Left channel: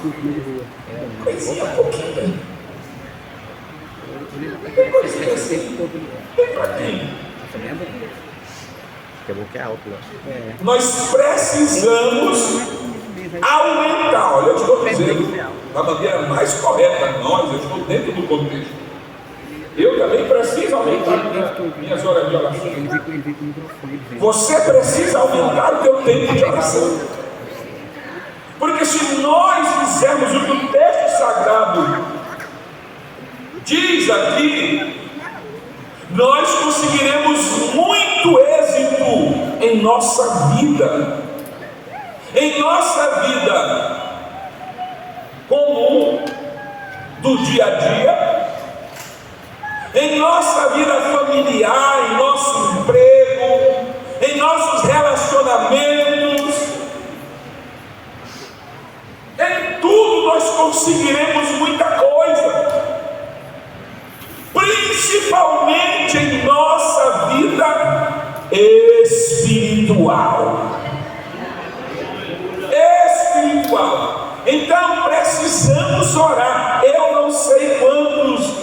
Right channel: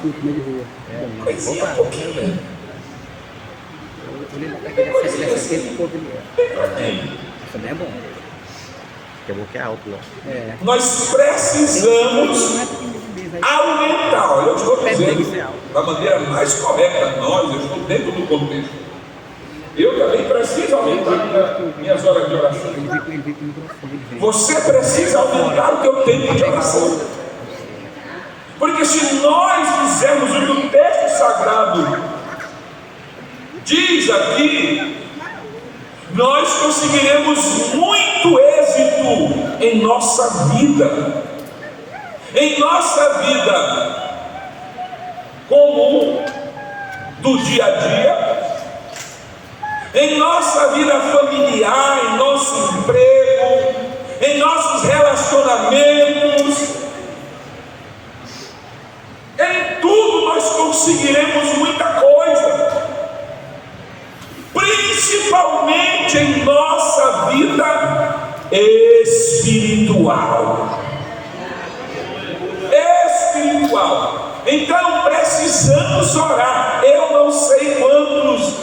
culto meio de rua. Coisinha pouquinho. Coisinha assim. Bem fraquinho. Também é bom. Porque é bom que é alto, né? É. Nós precisamos aumentar. Olha, eu estou dizendo da maneira mais correta, nós, eu estou dentro do contexto. Eu também preciso aumentar minhas horas de oração. Ele veio com o microfone, ele veio. Você precisa aumentar o teu tempo de oração. Porque se nós fizermos o que o texto sagrado diz aqui, nós conseguiremos muito êxito em nossa vida. Em nossa vida comum, do dia a dia, em nossa vida familiar, em nosso emprego, em nossos relacionamentos, em tudo nós conseguiremos muita coisa, principalmente em nossa vida espiritual. Então precisamos orar. Eu não sei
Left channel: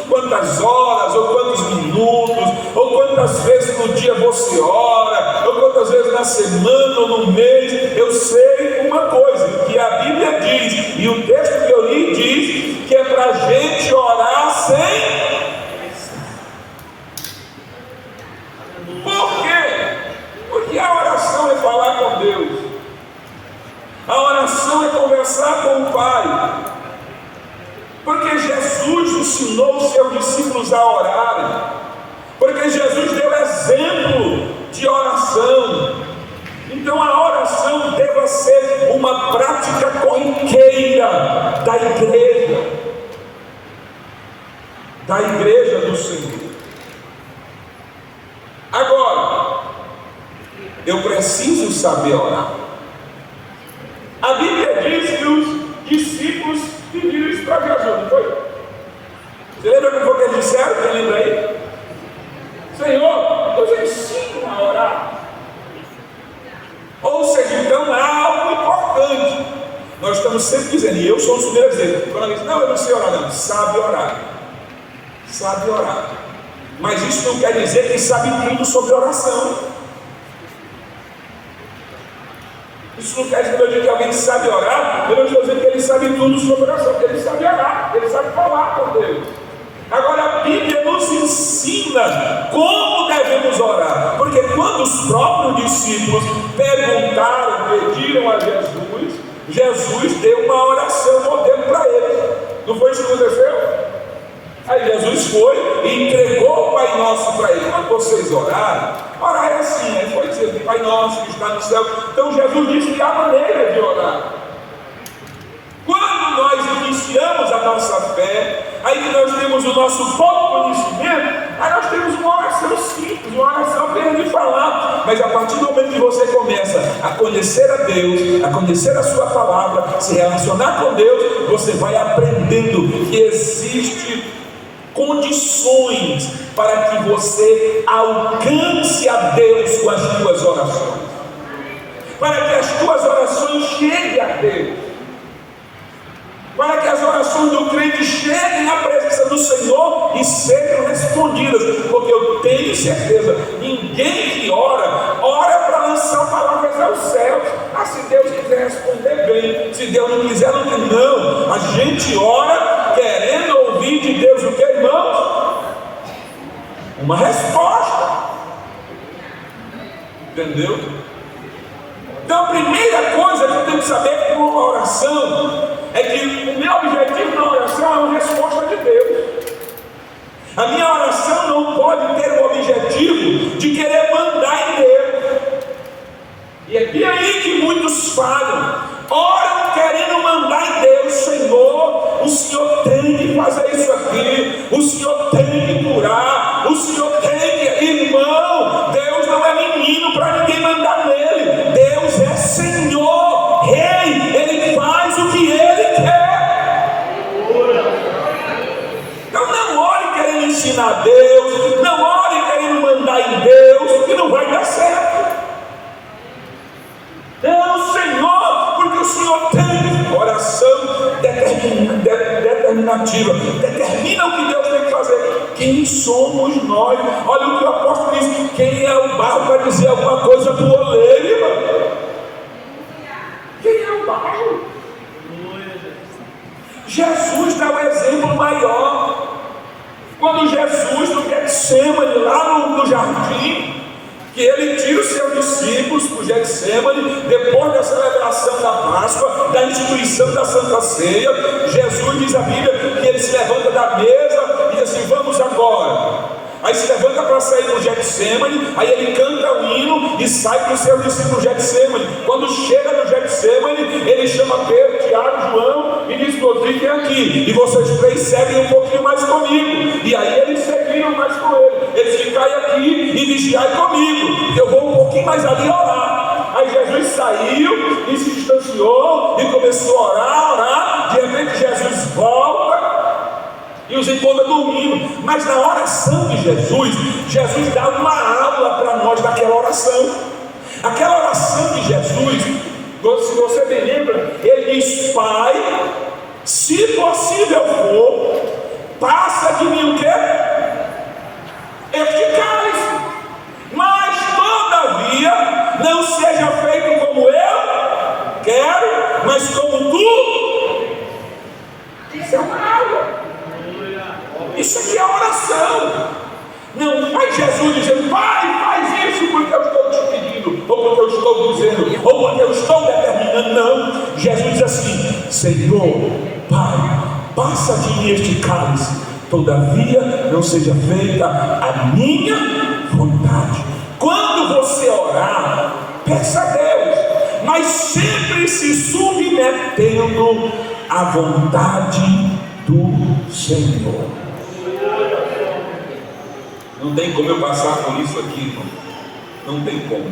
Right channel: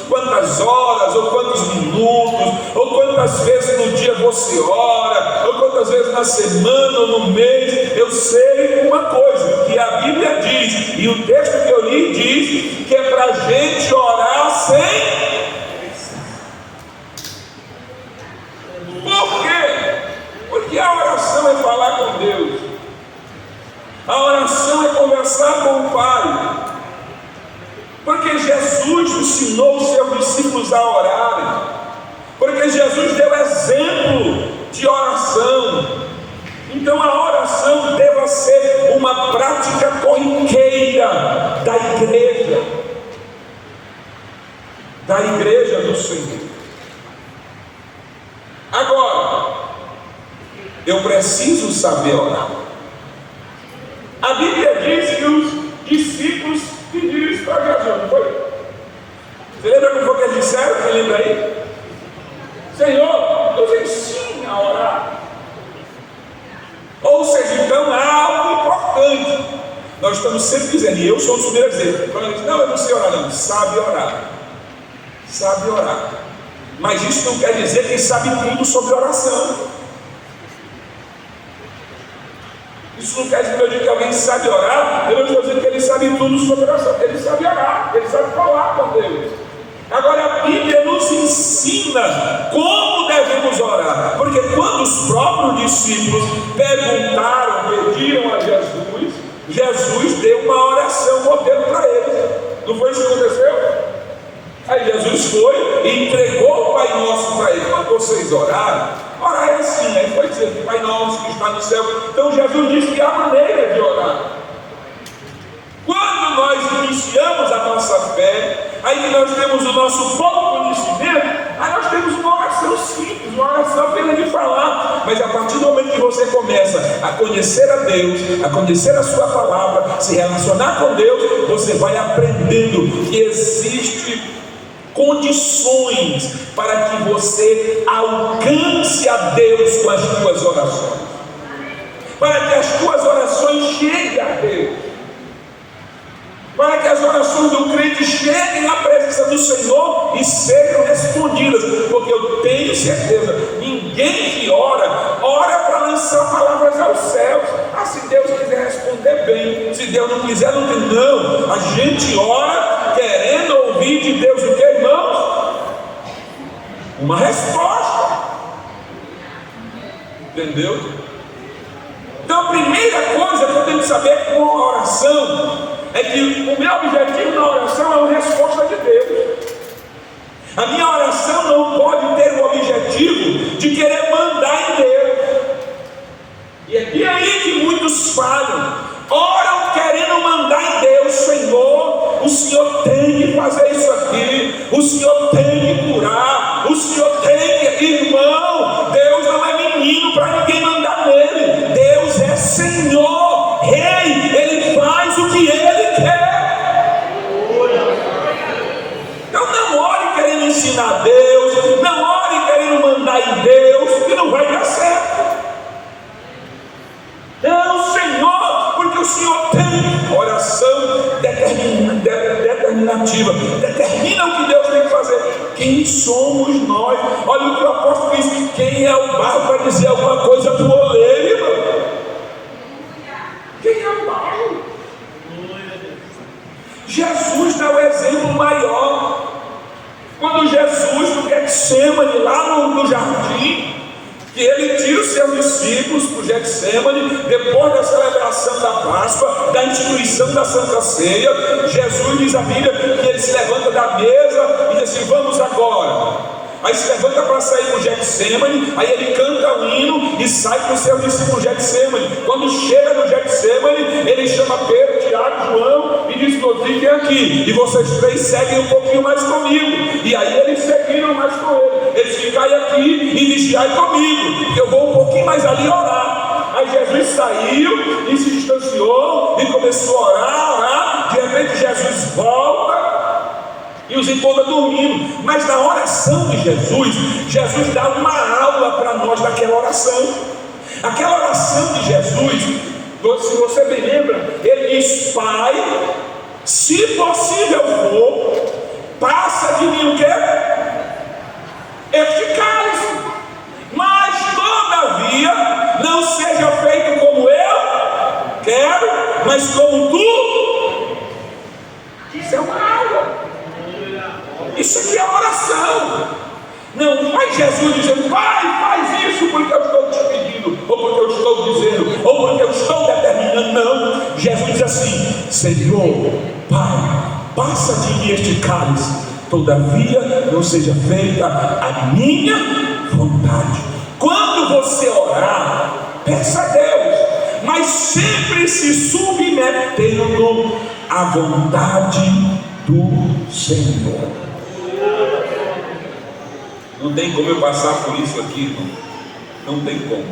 quantas horas, ou quantos minutos, ou quantas vezes no dia você ora, ou quantas vezes na semana ou no mês. Eu sei uma coisa, que a Bíblia diz, e o texto que eu li diz, que é para a gente orar sem. Por quê? Porque a oração é falar com Deus. A oração é conversar com o Pai. Porque Jesus ensinou os seus discípulos a orarem. Porque Jesus deu exemplo de oração. Então a oração deve ser uma prática corriqueira da igreja do Senhor. Agora, eu preciso saber orar. A Bíblia diz que os discípulos pediram isso para Jesus, não foi? Você lembra como foi que eles disseram? Quem lembra aí? Senhor, nos ensina a orar. Ou seja, então há algo importante. Nós estamos sempre dizendo, e eu sou o primeiro a dizer, quando ele diz, não, eu não sei orar, não, sabe orar. Sabe orar. Mas isso não quer dizer que sabe tudo sobre oração. Isso não quer dizer que alguém sabe orar. Eu não estou dizendo que ele sabe tudo sobre oração. Ele sabe orar, ele sabe falar com Deus. Agora a Bíblia nos ensina como devemos orar. Porque quando os próprios discípulos pediram a Jesus, Jesus deu uma oração modelo para eles. Não foi isso que aconteceu? Aí Jesus foi e entregou o Pai Nosso para eles. Quando vocês orarem, orar é assim, aí foi dizer, Pai Nosso que está no céu. Então Jesus disse que há maneira de orar. Quando nós iniciamos a nossa fé, aí que nós temos o nosso bom conhecimento, aí nós temos uma oração simples, uma oração apenas de falar. Mas a partir do momento que você começa a conhecer a Deus, a conhecer a sua palavra, se relacionar com Deus, você vai aprendendo que existe condições para que você alcance a Deus com as tuas orações, para que as tuas orações cheguem a Deus, para que as orações do crente cheguem à presença do Senhor e sejam respondidas, porque eu tenho certeza, ninguém que ora para lançar palavras aos céus. Se Deus quiser responder bem, se Deus não quiser, não tem. Não, a gente ora querendo ouvir de Deus o que, irmãos? Uma resposta. Entendeu? Então a primeira coisa que eu tenho que saber com a oração é que o meu objetivo na oração é uma resposta de Deus. A minha oração não pode ter o objetivo de querer mandar em Deus. E é aí que muitos falham. Oram querendo mandar em Deus. Senhor, o Senhor tem que fazer isso aqui, o Senhor tem que curar, o Senhor tem que... Irmão, Deus não é menino para ninguém mandar nele. Deus é Senhor, Rei, Ele faz o que Ele quer. Então não ore querendo ensinar Deus, não ore querendo mandar em Deus, que não vai dar certo. Não, Senhor, determinativa, determina o que Deus tem que fazer. Quem somos nós? Olha o que o apóstolo diz: quem é o barro para dizer alguma coisa para o oleiro, irmão? Quem é o barro? Jesus dá o exemplo maior. Quando Jesus, no Getsemane, lá no jardim, que ele tira os seus discípulos para o Getsemane, depois da celebração da Páscoa, da instituição da Santa Ceia, Jesus diz a Bíblia que ele se levanta da mesa e diz assim: vamos agora. Aí se levanta para sair para o Getsemane, aí ele canta o hino e sai com os seus discípulos do Getsemane. Quando chega no Getsemane, ele chama Pedro, Tiago, João e diz: fiquem aqui, e vocês três seguem um pouquinho mais comigo. E aí eles seguiram mais com ele. Eles ficai aqui e vigiai comigo, que eu vou um pouquinho mais ali orar. Aí Jesus saiu e se distanciou e começou a orar. De repente Jesus volta e os encontra dormindo. Mas na oração de Jesus, Jesus dá uma aula para nós daquela oração. Aquela oração de Jesus, se você bem lembra, ele diz: Pai, se possível for, passa de mim o quê? Este cálice, mas todavia não seja feito como eu quero, mas como tu. Isso é uma aula. Isso aqui é oração. Não vai Jesus dizendo: Pai, faz isso porque eu estou te pedindo, ou porque eu estou dizendo, ou porque eu estou determinando. Não, Jesus diz assim: Senhor, Pai, passa de mim este cálice, todavia não seja feita a minha vontade. Quando você orar, peça a Deus, mas sempre se submetendo à vontade do Senhor. Não tem como eu passar por isso aqui, irmão. Não tem como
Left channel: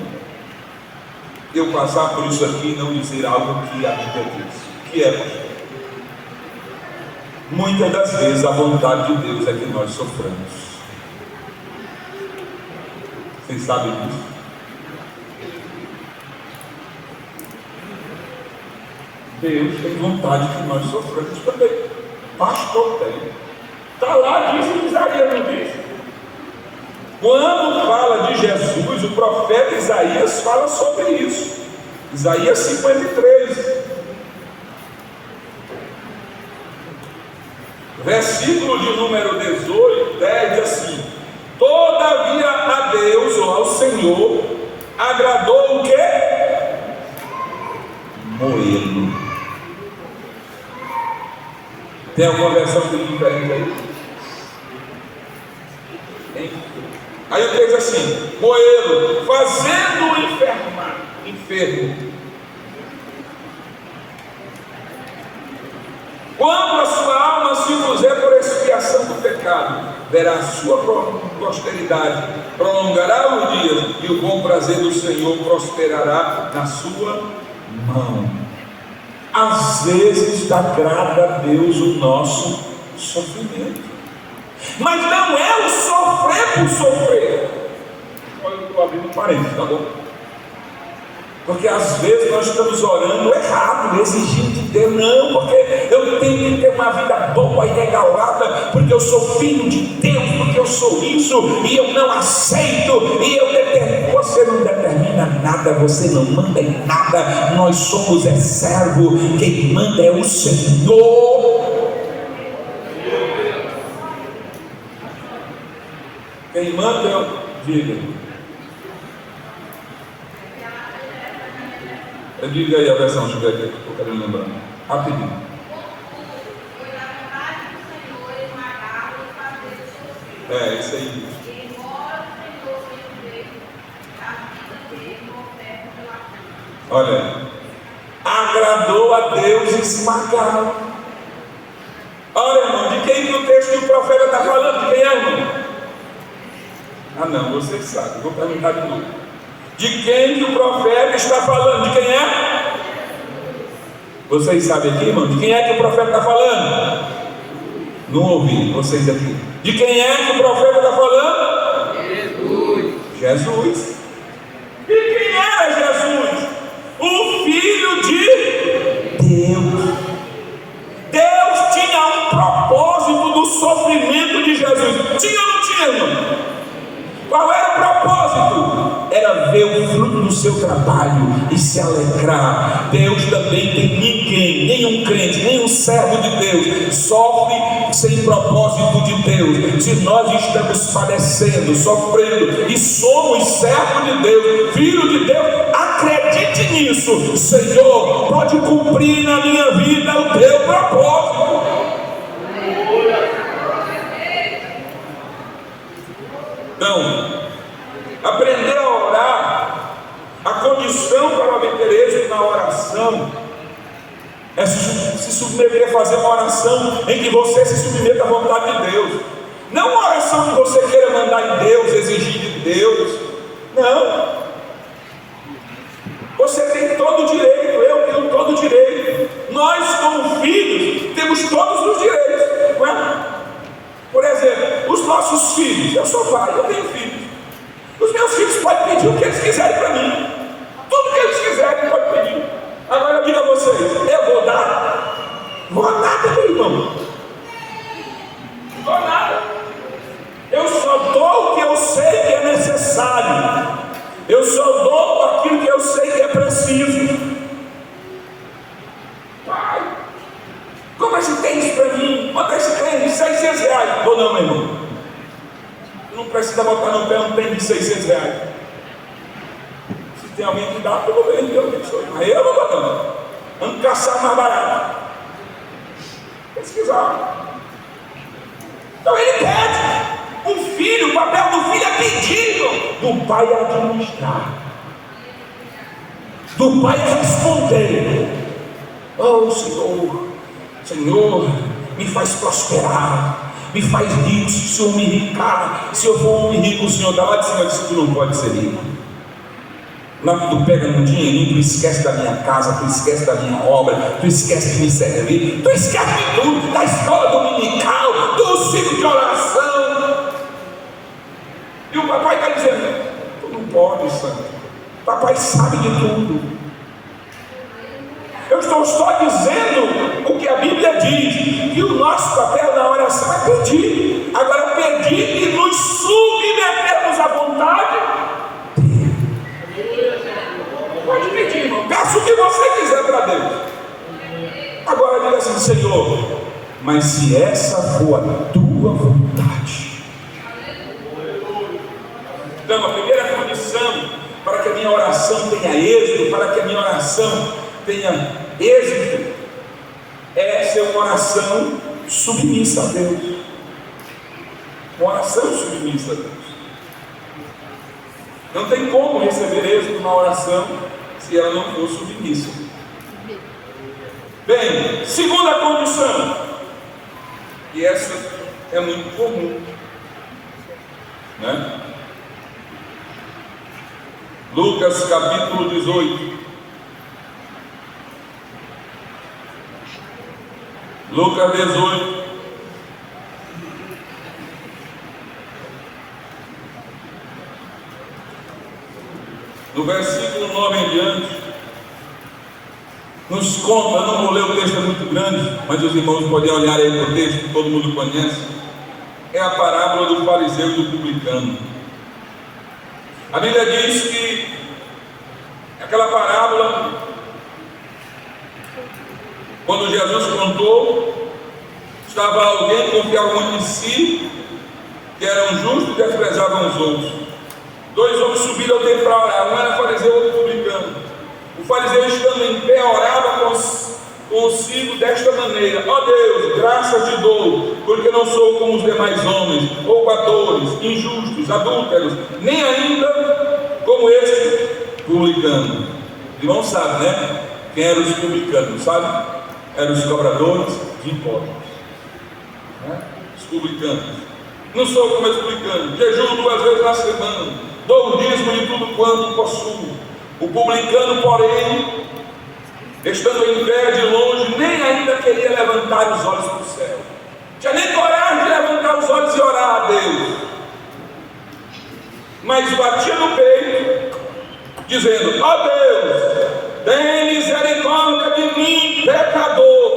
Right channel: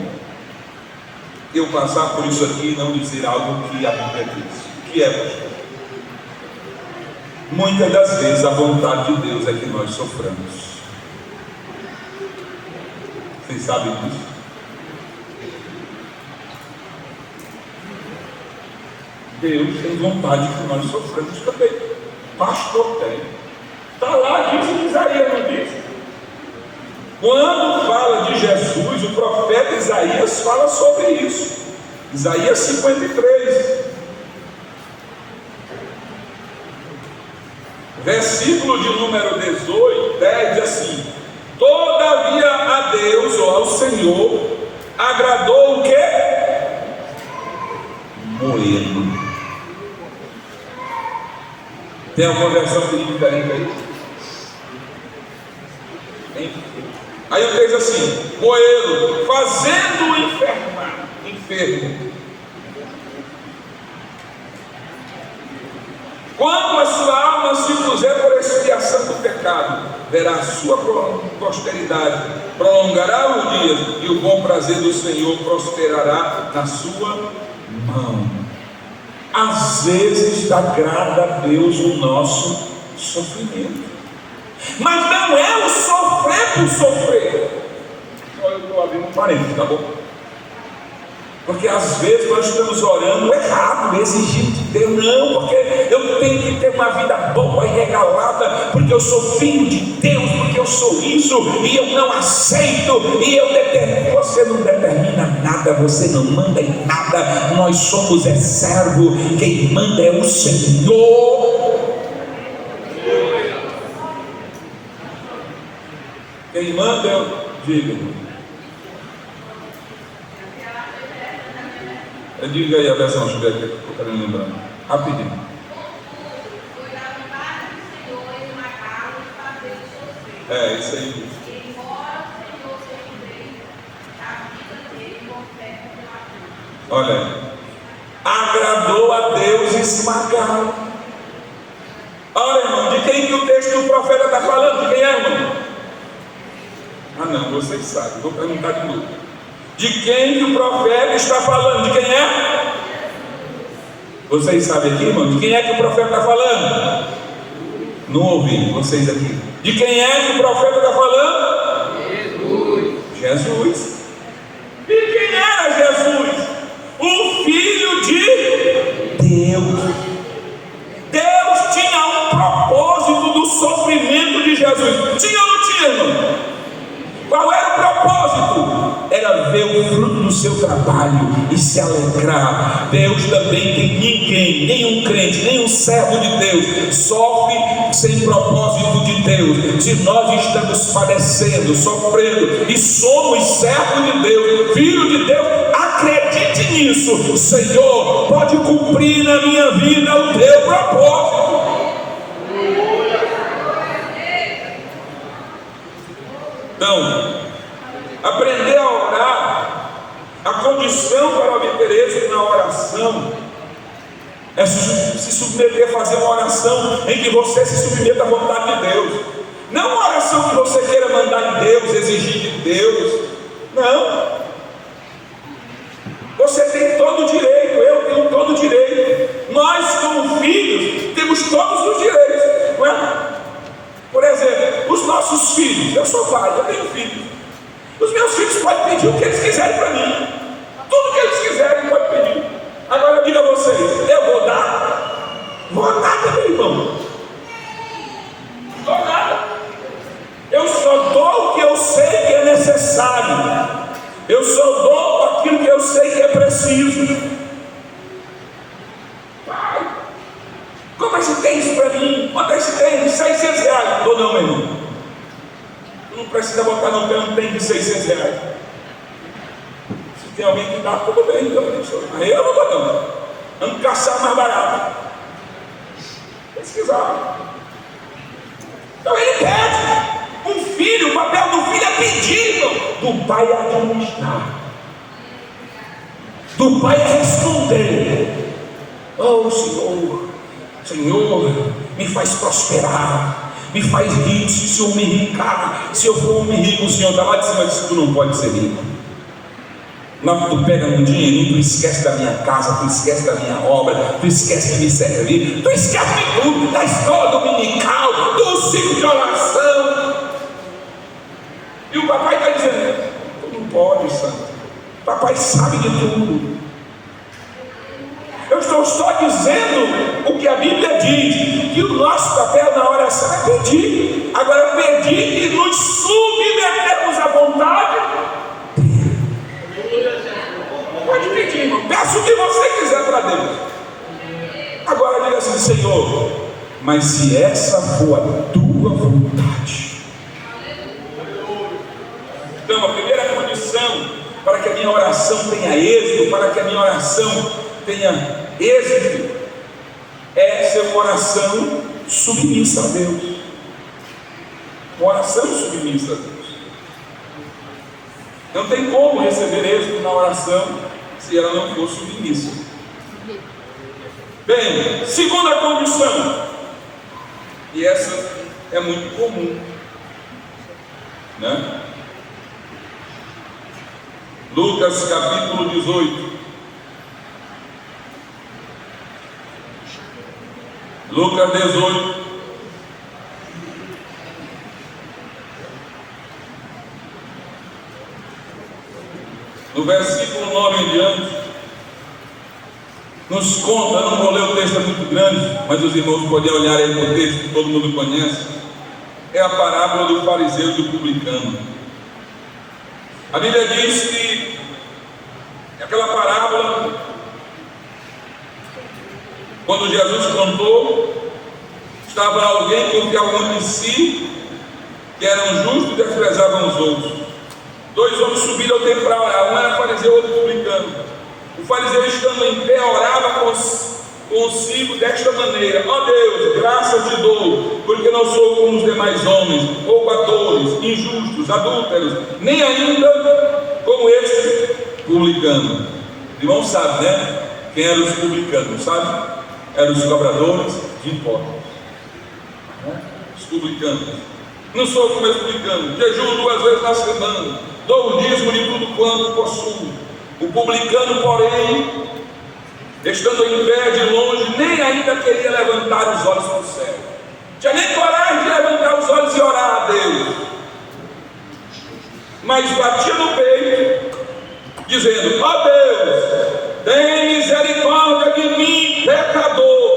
eu passar por isso aqui e não dizer algo que a Bíblia diz. Que é, pastor? Muitas das vezes a vontade de Deus é que nós soframos. Vocês sabem disso? Deus tem vontade que nós soframos também. Pastor tem. Está lá, diz em Isaías, não diz? Quando fala de Jesus, o profeta Isaías fala sobre isso. Isaías 53, versículo de número 18, 10, diz assim: todavia a Deus, ou ao Senhor, agradou o quê? Moê-lo. Tem alguma versão que diz diferente aí? Aí o texto diz assim: moê-lo, fazendo-o enfermo. Quando a sua alma se puser por expiação do pecado, verá a sua posteridade, prolongará os dias, e o bom prazer do Senhor prosperará na sua mão. Às vezes agrada a Deus o nosso sofrimento, mas não é o sofrer por sofrer. Olha, eu estou abrindo um parênteses, tá bom? Porque às vezes nós estamos orando errado, exigindo de Deus: não, porque eu tenho que ter uma vida boa e regalada, porque eu sou filho de Deus, porque eu sou isso, e eu não aceito, e eu determino. Você não determina nada, você não manda em nada, nós somos servo, quem manda é o Senhor. Quem manda é o digno. Diga aí a versão, deixa eu ver aqui, que eu quero lembrar. Rapidinho. É, isso aí. Olha, agradou a Deus esmagá-lo. Olha, irmão, de quem que o texto do profeta está falando? De quem é, irmão? Ah, não, vocês sabem, vou perguntar de novo. De quem que o profeta está falando? De quem é? Vocês sabem aqui, irmão? De quem é que o profeta está falando? Não ouvi vocês aqui. De quem é que o profeta está falando? Jesus. E quem era Jesus? O Filho de Deus. Deus tinha um propósito trabalho e se alegrar. Deus também tem ninguém, nenhum crente, nenhum servo de Deus sofre sem propósito de Deus. Se nós estamos padecendo, sofrendo e somos servos de Deus, filho de Deus, acredite nisso. Senhor, pode cumprir na minha vida o teu propósito. Então, aprender a orar, a condição para obter êxito na oração é se submeter a fazer uma oração em que você se submeta à vontade de Deus. Não uma oração que você queira mandar em Deus, exigir de Deus. Não. Você tem todo o direito, eu tenho todo o direito. Nós, como filhos, temos todos os direitos, não é? Por exemplo, os nossos filhos, eu sou pai, eu tenho filhos. Os meus filhos podem pedir o que eles quiserem para mim. Tudo que eles quiserem podem pedir. Agora eu digo a vocês, eu vou dar? Vou nada, meu irmão. Não dou nada. Eu só dou o que eu sei que é necessário. Eu só dou aquilo que eu sei que é preciso. Pai, como é que tem isso para mim? Quanto é que tem? 600 reais. Ou não, meu irmão? Não precisa botar no pé um tem de 600 reais. Se tem alguém que dá, tudo bem, Deus abençoe. Mas eu não vou não. Vamos caçar mais barato. Pesquisar. Então ele pede. Um filho, o papel do filho é pedir, irmão. Do pai é administrar. Do pai é responder. Oh Senhor, Senhor, me faz prosperar. Me faz rico, se o Senhor me enricar. Se eu for um homem rico, o Senhor está lá de cima e diz: tu não pode ser rico. Não, tu pega um dinheirinho, tu esquece da minha casa, tu esquece da minha obra, tu esquece de me servir, tu esquece de tudo, da escola dominical, do ciclo de oração. E o papai está dizendo: tu não pode, santo. Papai sabe de tudo. Eu estou só dizendo o que a Bíblia diz, que o nosso papel na oração é pedir. Agora, pedir e nos submetermos à vontade. Pode pedir, irmão. Peça o que você quiser para Deus. Agora diga assim: Senhor, mas se essa for a tua vontade. Então, a primeira condição para que a minha oração tenha êxito, para que a minha oração tenha êxito, é ser uma oração submissa a Deus. Uma oração submissa a Deus. Não tem como receber êxito na oração se ela não for submissa. Bem, segunda condição, e essa é muito comum, né? Lucas capítulo 18. Lucas 18. No versículo 9 em diante, nos conta, não vou ler o texto, é muito grande, mas os irmãos podem olhar aí para o texto que todo mundo conhece. É a parábola do fariseu e do publicano. A Bíblia diz que aquela parábola, quando Jesus contou, estava alguém que confiava muito em si, que eram justos e desprezavam os outros. Dois homens subiram ao templo para orar, um era fariseu e outro publicano. O fariseu, estando em pé, orava consigo desta maneira: ó Deus, graças te dou, porque não sou como os demais homens, roubadores, injustos, adúlteros, nem ainda como este publicano. Irmão sabe, né? Quem eram os publicanos, sabe? Eram os cobradores de impostos, né? Os publicanos. Não sou como esse publicano, jejuo 2 vezes na semana, dou o dízimo de tudo quanto possuo. O publicano, porém, estando em pé de longe, nem ainda queria levantar os olhos para o céu. Tinha nem coragem de levantar os olhos e orar a Deus. Mas batia no peito, dizendo: ó Deus, tem misericórdia de mim, pecador.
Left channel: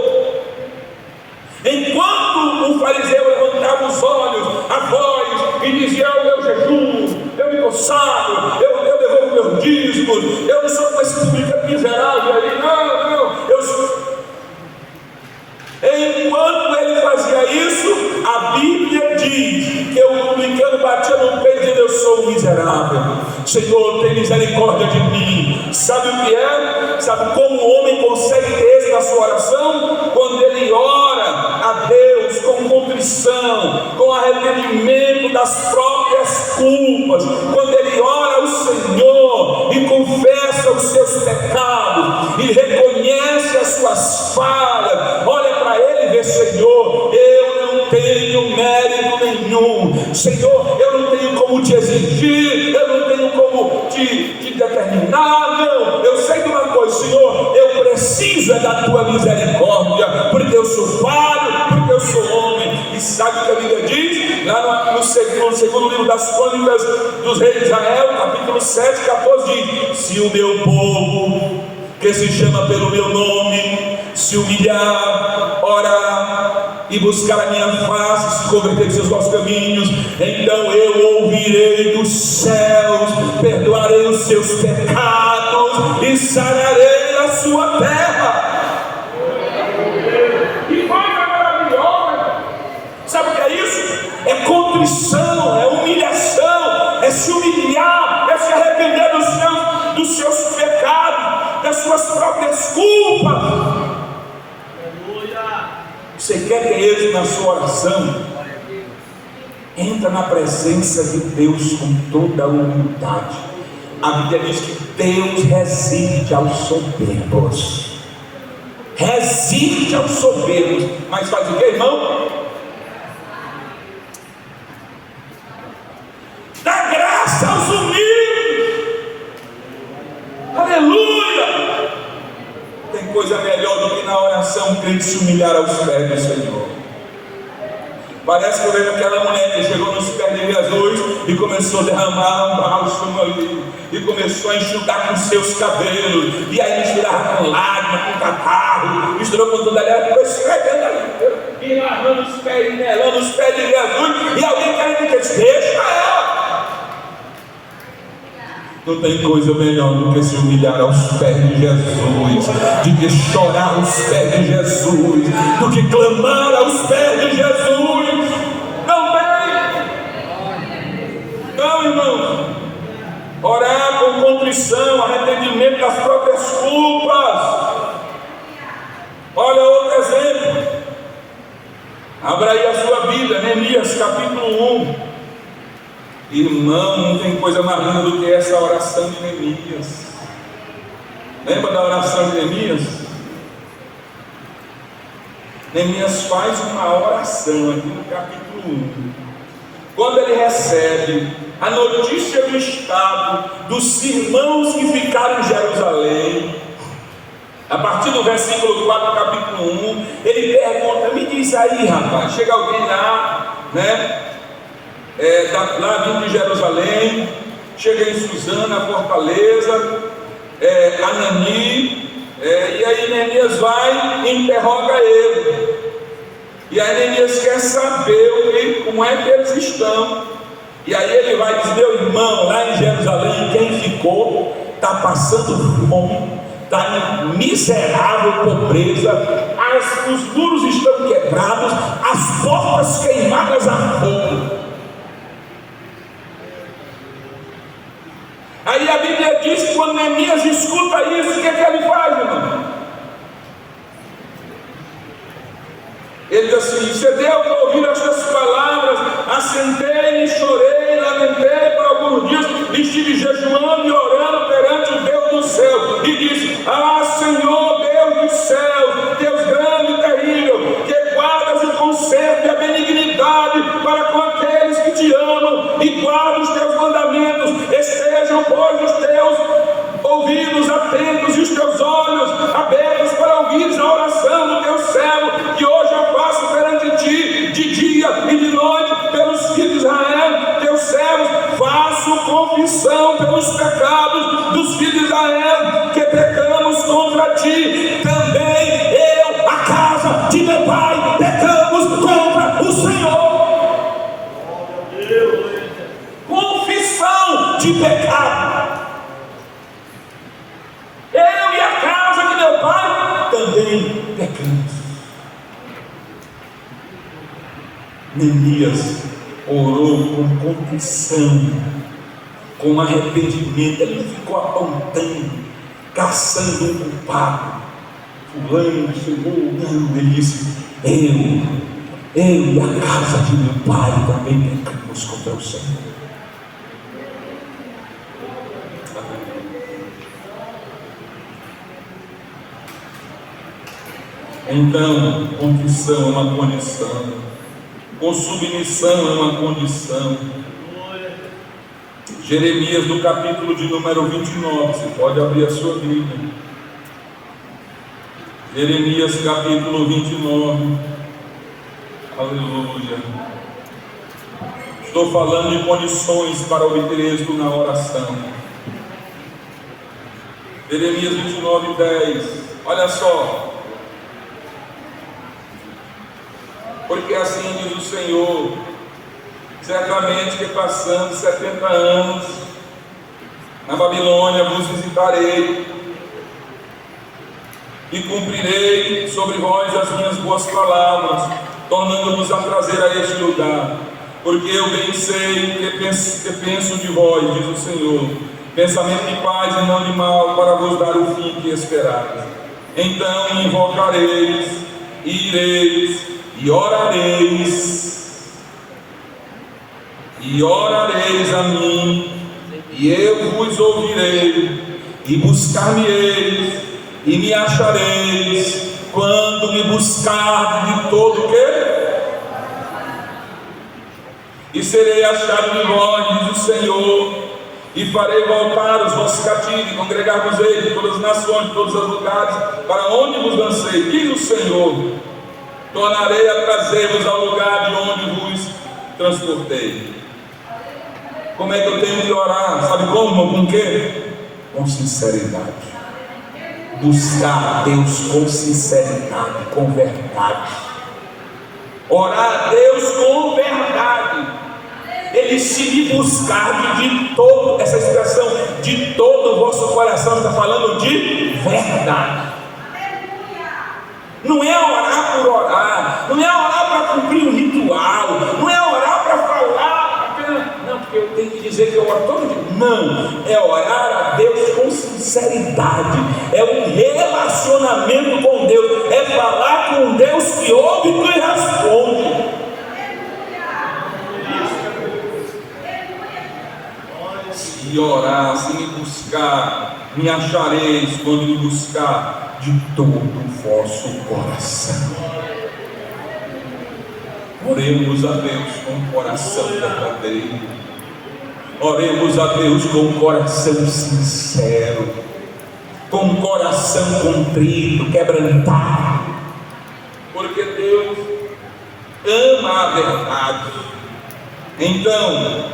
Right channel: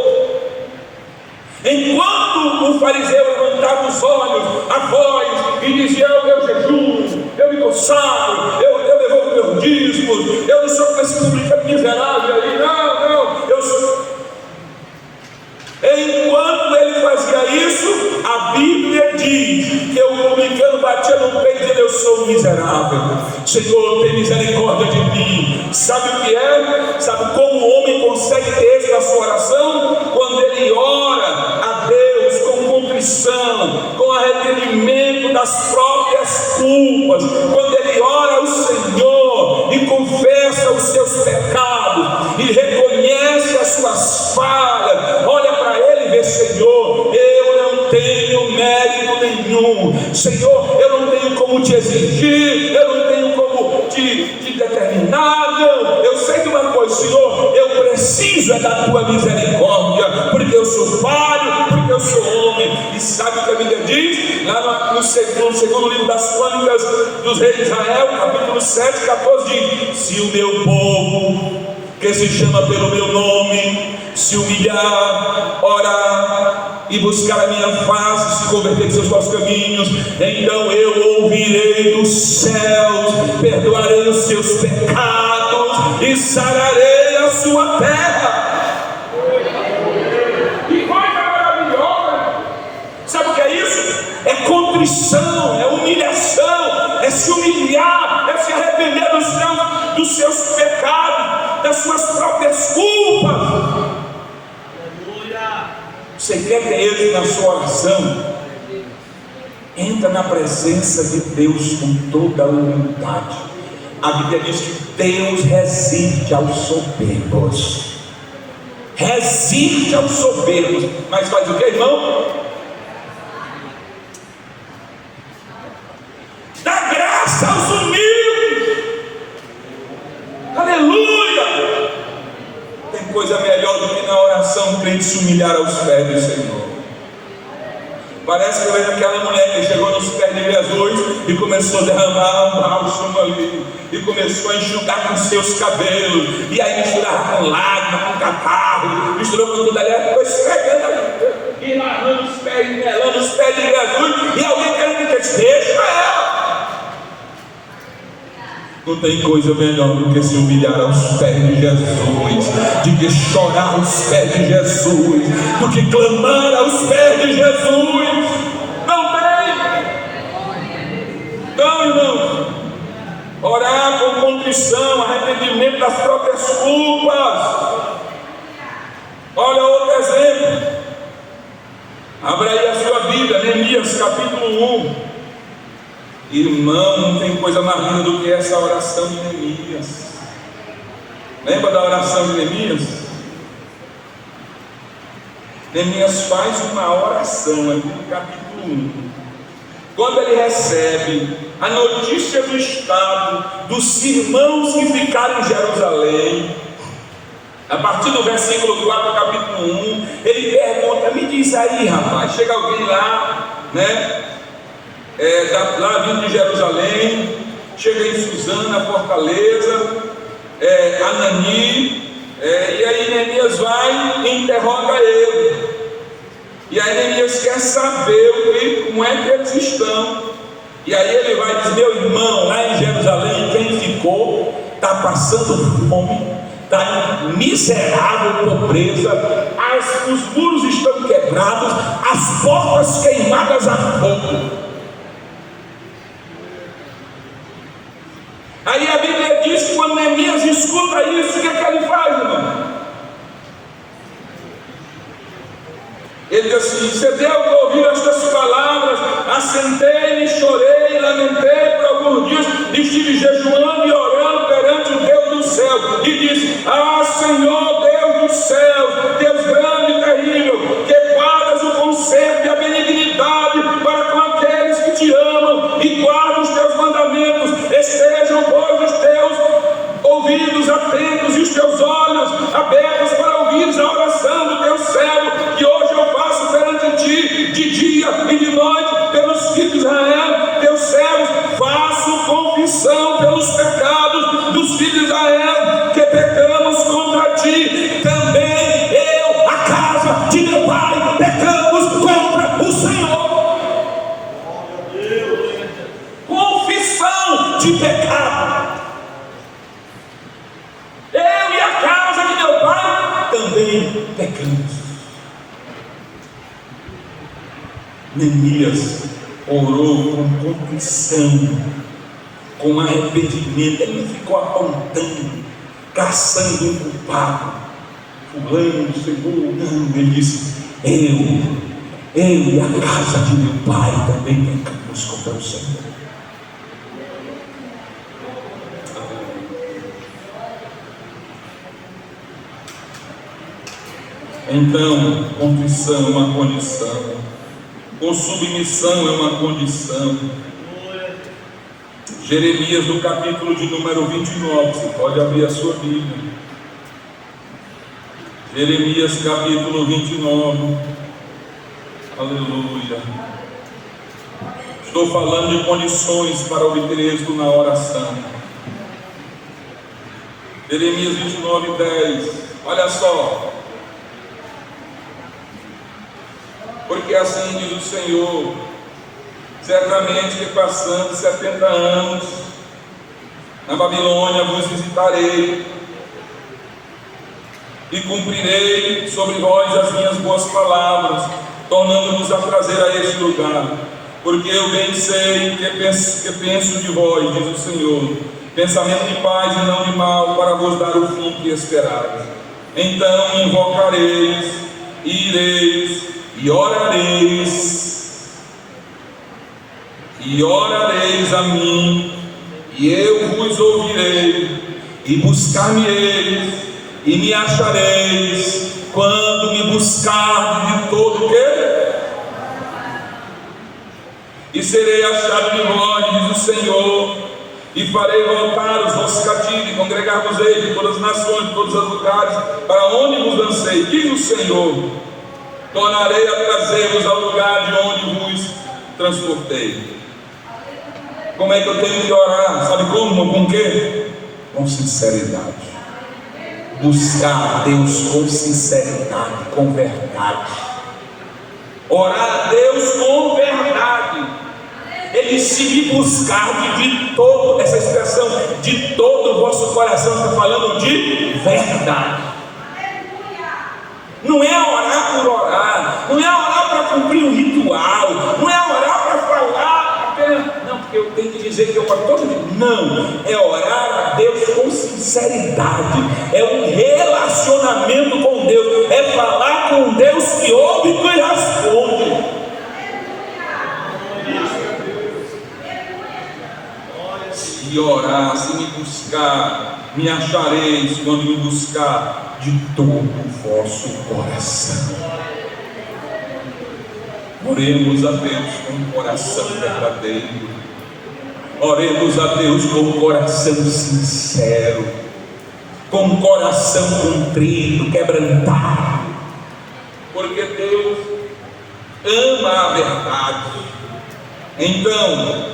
Enquanto o fariseu levantava os olhos, a voz, e dizia: eu jejuo, eu me consagro, eu devolvo meu dízimos, eu não sou com esse público miserável aí, não, eu sou. Enquanto ele fazia isso, a Bíblia diz que o publicano batia no peito e dizia: eu sou um miserável, Senhor, tem misericórdia de mim. Sabe o que é? Sabe como o homem consegue ter êxito na sua oração? Quando ele ora a Deus com contrição, com arrependimento das próprias culpas, quando ele ora ao Senhor e confessa os seus pecados e reconhece as suas falhas, olha para ele e vê: Senhor, eu não tenho mérito nenhum, Senhor, eu não tenho como te exigir, eu não tenho como te determinar, não. Eu sei de uma coisa, Senhor, eu preciso da tua misericórdia, porque eu sou falho, porque eu sou homem. E sabe o que a Bíblia diz? Lá no segundo livro das Crônicas dos Reis de Israel, capítulo 7, 14, diz: se o meu povo, que se chama pelo meu nome, se humilhar, orar e buscar a minha face, se converter de seus maus caminhos, então eu ouvirei dos céus, perdoarei os seus pecados e sararei a sua terra. Que coisa maravilhosa! Sabe o que é isso? É contrição, é humilhação, é se humilhar, é se arrepender dos seus pecados, das suas próprias culpas. Você quer ter êxito na sua oração? Entra na presença de Deus com toda a humildade. A Bíblia diz que Deus resiste aos soberbos. Resiste aos soberbos. Mas faz o que, irmão? Dá graça aos humildes. Aleluia! Tem coisa melhor do que na oração o crente se humilhar aos pés do Senhor. Parece que eu lembro aquela mulher que chegou nos pés de Jesus e começou a derramar um bálsamo ali, e começou a enxugar com seus cabelos, e aí misturava com lágrima, com catarro, misturou com tudo ali, ficou esfregando ali, e lavando os pés, melando os pés de Jesus, e alguém querendo que disse: deixa ela. Não tem coisa melhor do que se humilhar aos pés de Jesus, do que chorar aos pés de Jesus, do que clamar aos pés de Jesus. Não tem. Então, irmão, orar com contrição, arrependimento das próprias culpas. Olha outro exemplo. Abra aí a sua Bíblia, Neemias capítulo 1. Irmão, não tem coisa mais linda do que essa oração de Neemias. Lembra da oração de Neemias? Neemias faz uma oração aqui no capítulo 1. Quando ele recebe a notícia do estado dos irmãos que ficaram em Jerusalém, a partir do versículo 4 do capítulo 1, ele pergunta: me diz aí, rapaz, chega alguém lá, né? Lá vindo de Jerusalém, chega em Suzana, Fortaleza, Anani, e aí Neemias vai e interroga ele. E aí Neemias quer saber como é que eles estão. E aí ele vai dizer: meu irmão, lá em Jerusalém, quem ficou está passando fome, está em miserável pobreza, os muros estão quebrados, as portas queimadas a fogo. Aí a Bíblia diz que quando Neemias escuta isso, o que ele faz, irmão? Ele diz assim: você deu para ouvir estas palavras, assentei-me, chorei, lamentei por alguns dias, estive jejuando e orando perante o Deus do céu, e disse: ah, Senhor, Deus do céu, Deus grande e terrível, que guardas o conserto e a benignidade para com aqueles que te amam e guardam os teus mandamentos, estejam, pois, os teus ouvidos atentos e os teus olhos abertos para ouvires a oração do teu servo, que hoje eu faço perante ti, de dia e de noite, pelos filhos de Israel, teus servos. Faço confissão pelos pecados dos filhos de Israel, que pecamos contra ti. Também eu, a casa de meu pai, pecamos contra o Senhor. Confissão de pecado. também pecamos. Neemias orou com contrição, com arrependimento. Ele não ficou apontando, caçando um culpado. Fulano chegou, não. Ele disse: eu e a casa de meu pai também pecamos contra o Senhor. Então, contrição é uma condição, com submissão é uma condição. Jeremias, no capítulo de número 29, você pode abrir a sua Bíblia. Jeremias, capítulo 29, aleluia. Estou falando de condições para obter êxito na oração. Jeremias 29, 10, olha só. Porque assim diz o Senhor: certamente que passando 70 anos na Babilônia vos visitarei, e cumprirei sobre vós as minhas boas palavras, tornando-vos a trazer a este lugar. Porque eu bem sei que penso de vós, diz o Senhor, pensamento de paz e não de mal, para vos dar o fim que esperais. Então me invocareis, e ireis, e orareis a mim, e eu vos ouvirei, e buscar-me-eis, e me achareis, quando me buscardes de todo o quê? E serei achado de vós, diz o Senhor, e farei voltar os vossos cativos, e congregar-vos-ei de todas as nações, de todos os lugares, para onde vos lancei, diz o Senhor. Tornarei a trazer-vos ao lugar de onde vos transportei. Como é que eu tenho que orar? Sabe como? Com o quê? Com sinceridade. Buscar a Deus com sinceridade, com verdade. Orar a Deus com verdade. Ele se me buscar de todo, essa expressão, de todo o vosso coração, está falando de verdade. Não é orar por orar, não é orar para cumprir um ritual, não é orar para falar apenas, não, porque eu tenho que dizer que eu oro todo dia. Não, é orar a Deus com sinceridade, é um relacionamento com Deus, é falar com Deus que ouve e que responde. Se orar, se me buscar, me achareis quando me buscar de todo o vosso coração. Oremos a Deus com um coração verdadeiro. Oremos a Deus com um coração sincero, com um coração contrito, quebrantado, porque Deus ama a verdade. Então,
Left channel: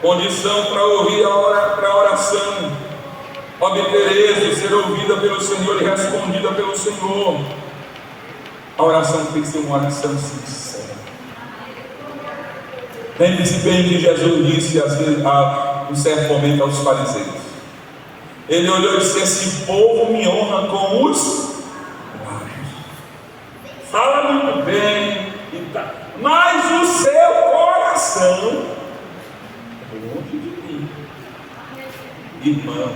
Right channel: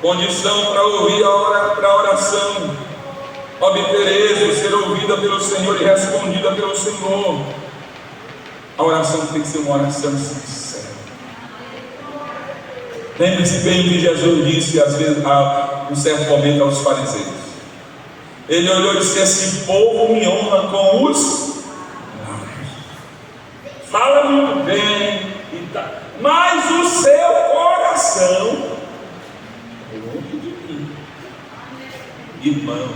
condição para ouvir para a oração: obter ser ouvida pelo Senhor e respondida pelo Senhor. A oração tem que ser uma oração sincera. Lembre-se bem que Jesus disse às vezes, um certo momento, aos fariseus. Ele olhou e disse: esse povo me honra com os lábios, fala muito bem, mas o seu coração é longe de mim. Irmão,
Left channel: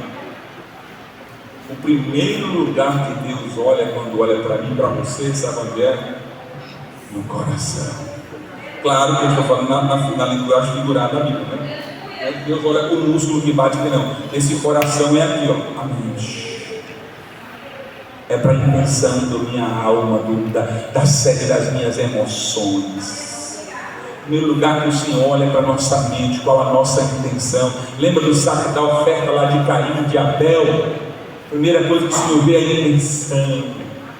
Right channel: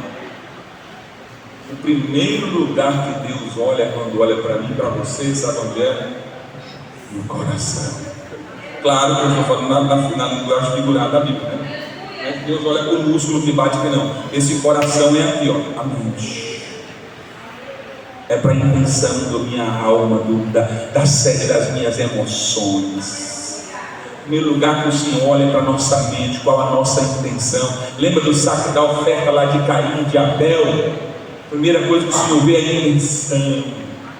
o primeiro lugar que Deus olha quando olha para mim e para você, sabe onde é? No coração. Claro que eu estou falando na linguagem figurada da Bíblia, né? Mas Deus olha com o músculo que bate, não. Esse coração é aqui, ó, a mente. É para a intenção da minha alma, da sede das minhas emoções. Em primeiro lugar que o Senhor olha para a nossa mente, qual a nossa intenção. Lembra do saco da oferta lá de Caim e de Abel? Primeira coisa que o Senhor vê é a intenção,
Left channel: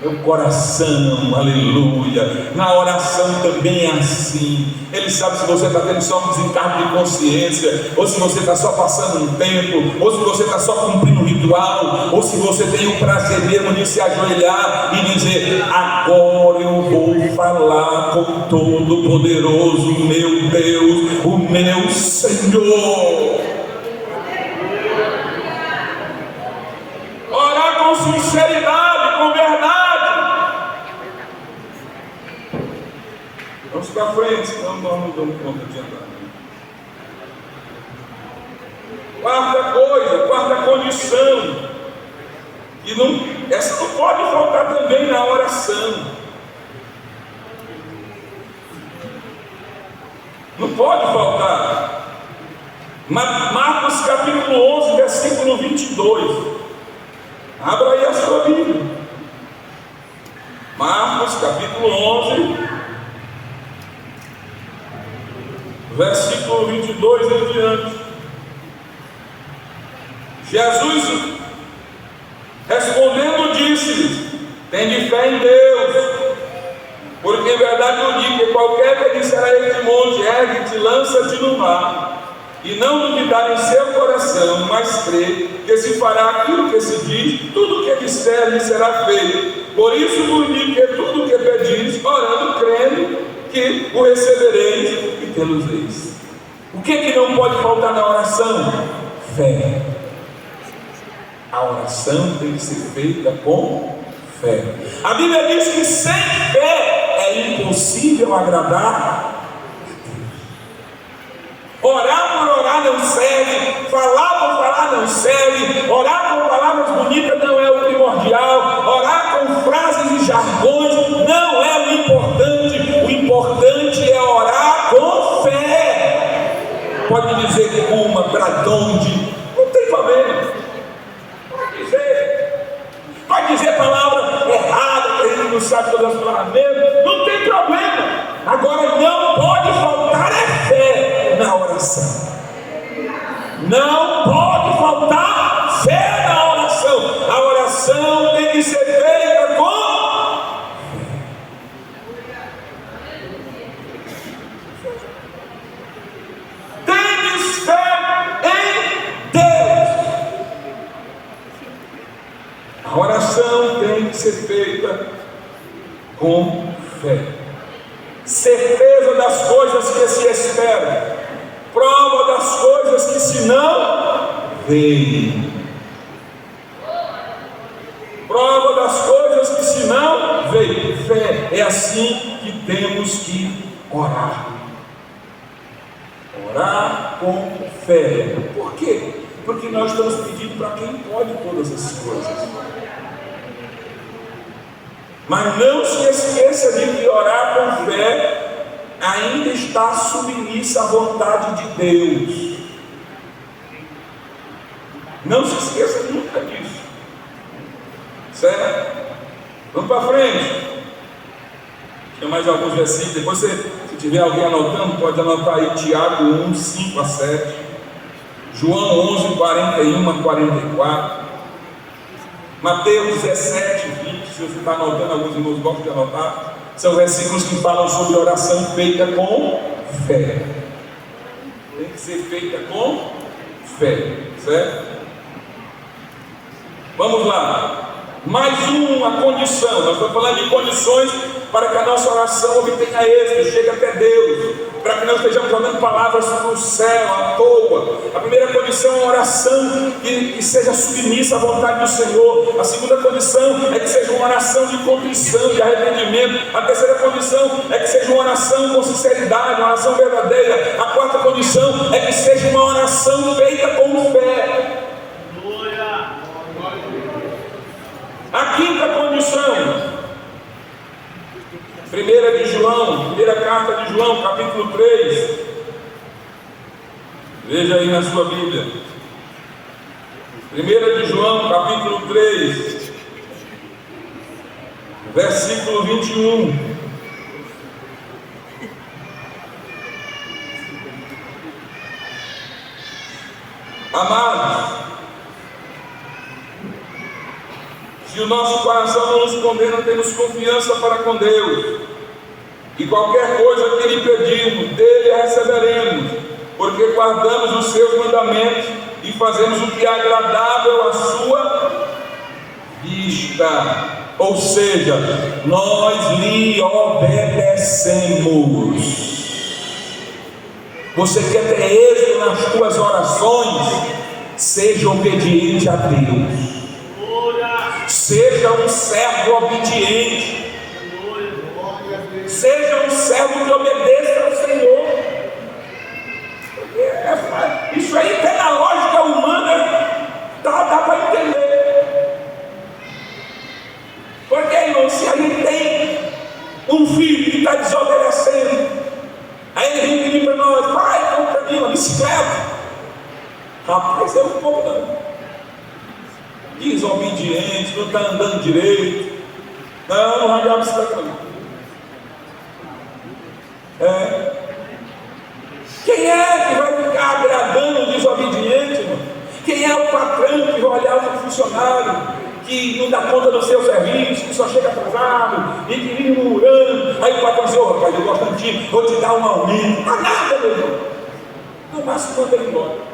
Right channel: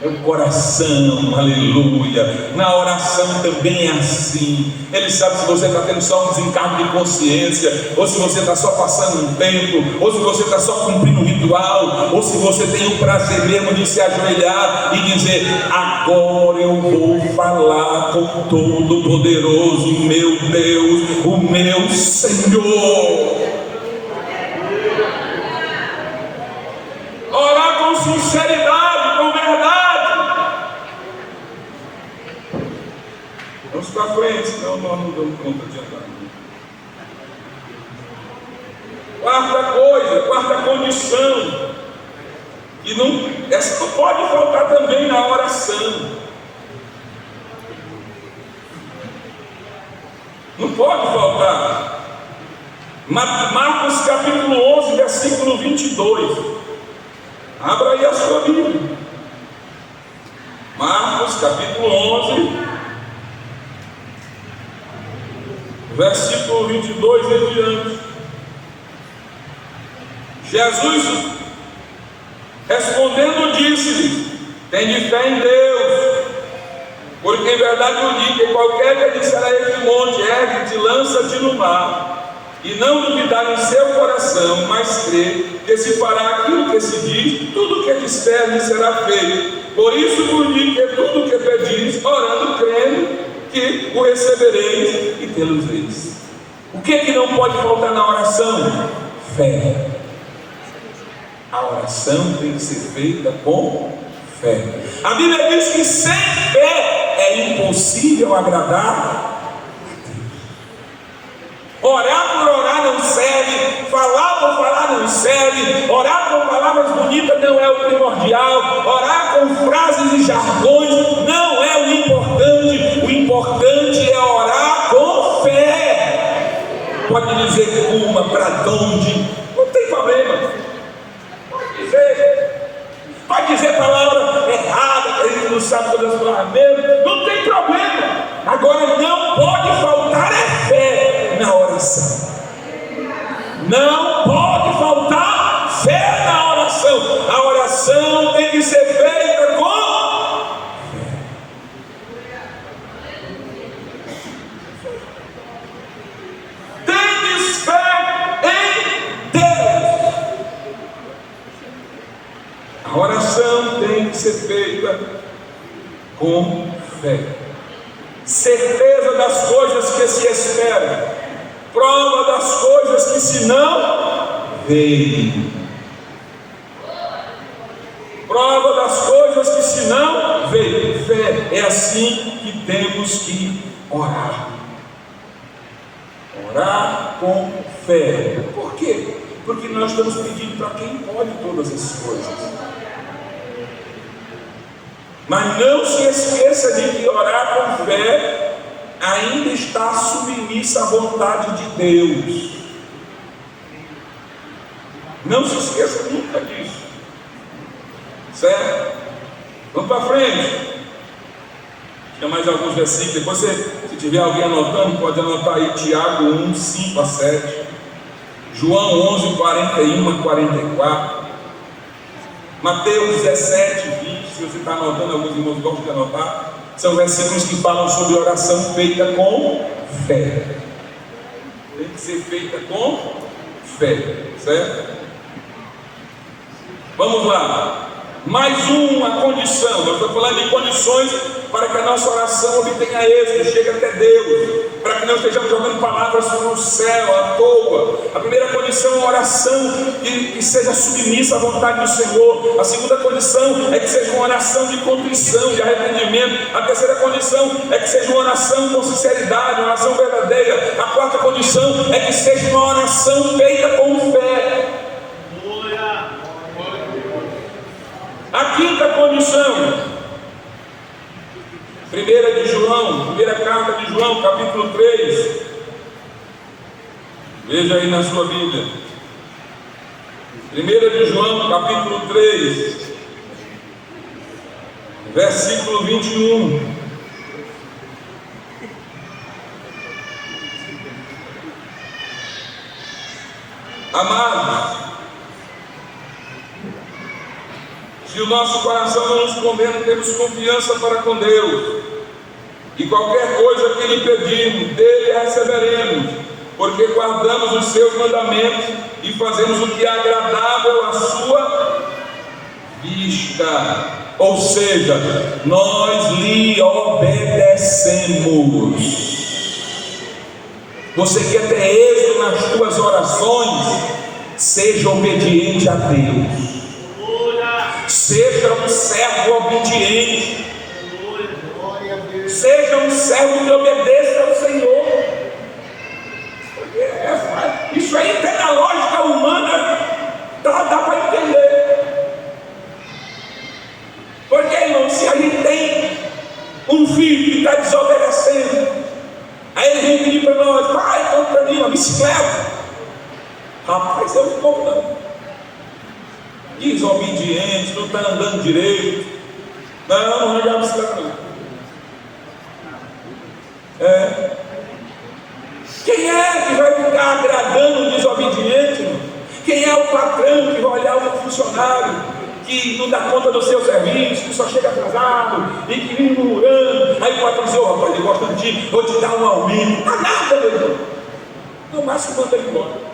é o coração, aleluia. Na oração também é assim. Ele sabe se você está tendo só um desencargo de consciência, ou se você está só passando um tempo, ou se você está só cumprindo um ritual, ou se você tem o prazer mesmo de se ajoelhar e dizer: agora eu vou falar com o Todo-Poderoso, meu Deus, o meu Senhor. Orar sinceridade, com verdade. Vamos para frente, senão nós não damos conta de andar. Quarta condição, e essa não pode faltar também na oração. Não pode faltar. Marcos capítulo 11, versículo 22. Abra aí a sua Bíblia. Marcos capítulo 11, versículo 22 em diante. Jesus, respondendo, disse-lhes: tende fé em Deus, porque em verdade eu digo que qualquer que disser a este monte, ergue-te, lança-te no mar, e não duvidar em seu coração, mas crer que se fará aquilo que se diz, tudo o que disser lhe será feito. Por isso vos digo que tudo o que pedis, orando, crendo, que o recebereis e tê-lo-eis. O que não pode faltar na oração? Fé. A oração tem que ser feita com fé. A Bíblia diz que sem fé é impossível agradar a Deus. Orar por orar não serve, falar por falar não serve, orar com palavras bonitas não é o primordial, orar com frases e jargões não é o importante é orar com fé. Pode dizer como, para onde, não tem problema. Pode dizer palavra errada, que a gente não sabe todas as palavras mesmo, não tem problema. Agora não pode faltar fé na oração. Não pode faltar fé na oração. A oração tem que ser feita com fé. Tendes fé em Deus. A oração tem que ser feita com fé. Certeza das coisas que se esperam, prova das coisas que se não veem. Prova das coisas que se não veem. Fé, é assim que temos que orar. Orar com fé. Por quê? Porque nós estamos pedindo para quem pode todas as coisas. Mas não se esqueça de que orar com fé ainda está submissa à vontade de Deus. Não se esqueça nunca disso. Certo? Vamos para frente. Tem mais alguns versículos. Depois, se tiver alguém anotando, pode anotar aí Tiago 1, 5 a 7. João 11, 41 a 44. Mateus 17, 20. Se você está anotando, alguns irmãos gostam de anotar. São versículos que falam sobre oração feita com fé. Tem que ser feita com fé, certo? Vamos lá. Mais uma condição. Nós estamos falando de condições para que a nossa oração obtenha êxito, chegue até Deus, para que não estejamos jogando palavras no céu à toa. A primeira condição é uma oração que seja submissa à vontade do Senhor. A segunda condição é que seja uma oração de contrição, de arrependimento. A terceira condição é que seja uma oração com sinceridade, uma oração verdadeira. A quarta condição é que seja uma oração feita com fé. A quinta condição, primeira carta de João, capítulo 3. Veja aí na sua Bíblia. 1 de João, capítulo 3, versículo 21. Amados, se o nosso coração não nos condena, temos confiança para com Deus, e qualquer coisa que lhe pedirmos, dele receberemos, porque guardamos os seus mandamentos e fazemos o que é agradável à sua vista. Ou seja, nós lhe obedecemos. Você quer ter êxito nas suas orações? Seja obediente a Deus. Seja um servo obediente. Seja um servo que obedeça ao Senhor. Isso aí tem na lógica humana, dá para entender. Porque, irmão, se a gente tem um filho que está desobedecendo, aí ele vem pedir para nós: pai, compra para mim uma bicicleta. Rapaz, eu não compro não. Desobediente, não está andando direito. Não arranjar a bicicleta não. Quem é que vai ficar agradando o desobediente, irmão? Quem é o patrão que vai olhar o funcionário que não dá conta do seu serviço, que só chega atrasado e que vive murmurando? Aí o patrão diz: ô rapaz, eu gosto de ti, vou te dar um aumento. Não dá nada, meu irmão. No máximo manda ele embora.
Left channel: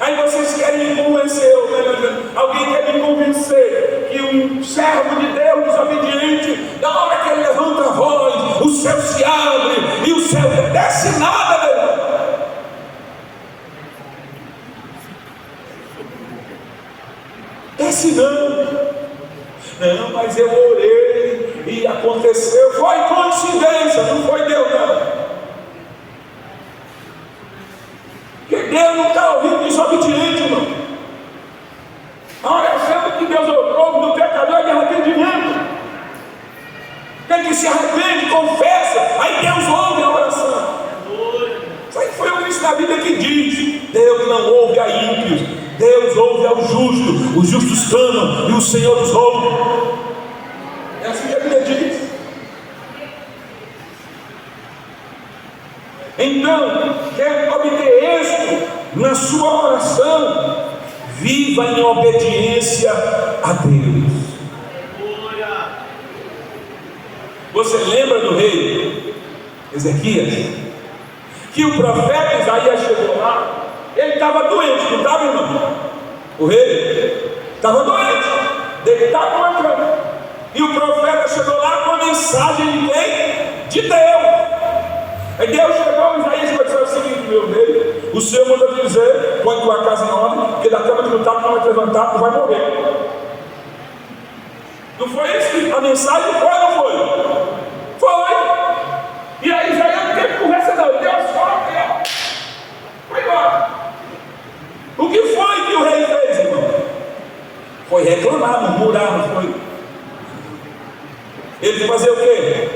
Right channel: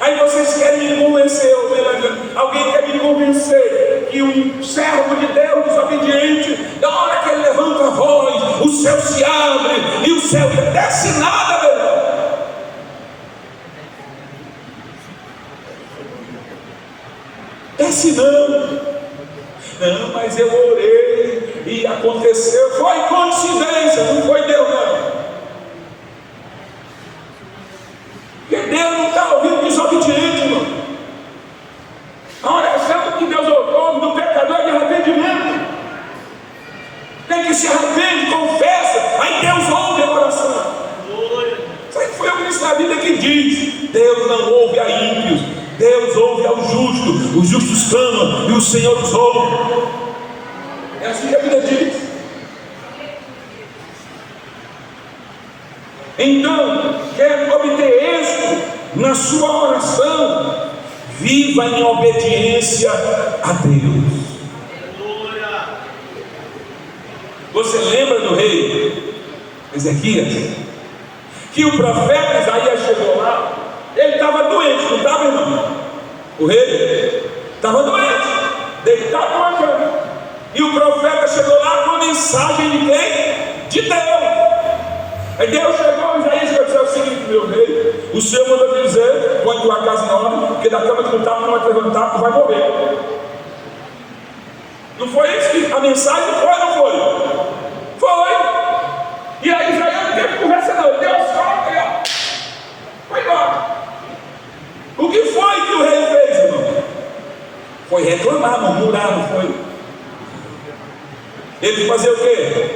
Aí vocês querem me convencer, alguém quer me convencer que um servo de Deus desobediente, na hora que ele levanta a voz, o céu se abre e o céu não desce nada, meu irmão. Desce não, mas eu orei e aconteceu, foi coincidência, não foi Deus não. Porque Deus não está ouvindo desobediente, irmão. A oração que Deus ouve do pecador é de arrependimento. Quem que se arrepende, confessa, aí Deus ouve a oração. Isso aí foi o que disse na Bíblia que diz: Deus não ouve a ímpios, Deus ouve ao justo. Os justos clamam e o Senhor os ouve. É assim que a Bíblia diz. Então, quer obter êxito na sua oração, viva em obediência a Deus. Você lembra do rei Ezequias? Que o profeta Isaías chegou lá, ele estava doente, não estava, irmão? O rei estava doente, deitado numa cama. E o profeta chegou lá com a mensagem de quem? De Deus. Aí Deus chegou, Isaías vai dizer o seguinte: meu rei, o Senhor mandou me dizer: põe tua casa em ordem, porque da cama que não está, não vai te levantar, tu vai morrer. Não foi isso que a mensagem foi ou não foi? Foi. E aí Isaías não teve conversa não. Deus fala que ó, foi embora. O que foi que o rei fez, irmão? Foi reclamar, murmurar, não foi? Ele fazer o quê?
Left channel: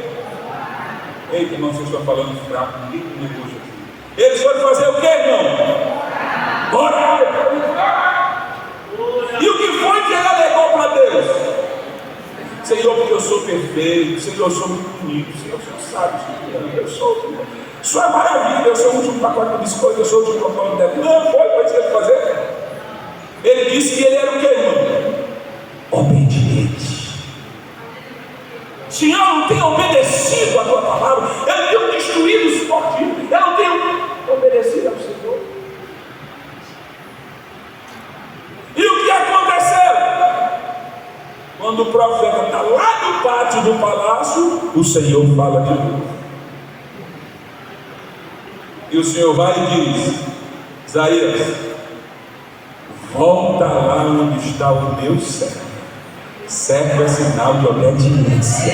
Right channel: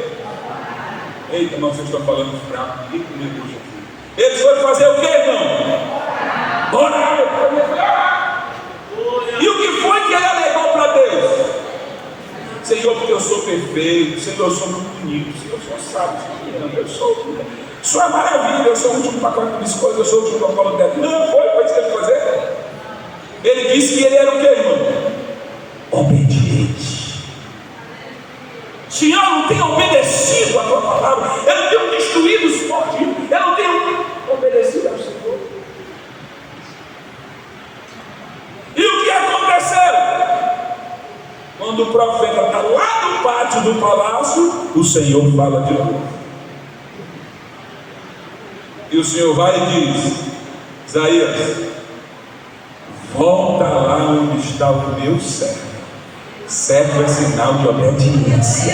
Eita, irmão, vocês estão falando fraco, ninguém me puxa aqui. Eles foram fazer o quê, irmão? Orar. E o que foi que ele alegou para Deus? Senhor, porque eu sou perfeito, Senhor, eu sou muito bonito, Senhor, o Senhor sabe, eu sou. Isso é maravilha, eu sou o último pacote de biscoito, eu sou o último pacote de débito. Não, foi isso que ele fazer. Ele disse que ele era o quê, irmão? Obediente. Senhor, eu não tenho obedecido a tua palavra, eu não tenho destruído os fortes, eu não tenho obedecido ao Senhor. E o que aconteceu? Quando o profeta está lá no pátio do palácio, o Senhor fala de novo. E o Senhor vai e diz: Isaías, volta lá onde está o meu servo. Servo é sinal de obediência.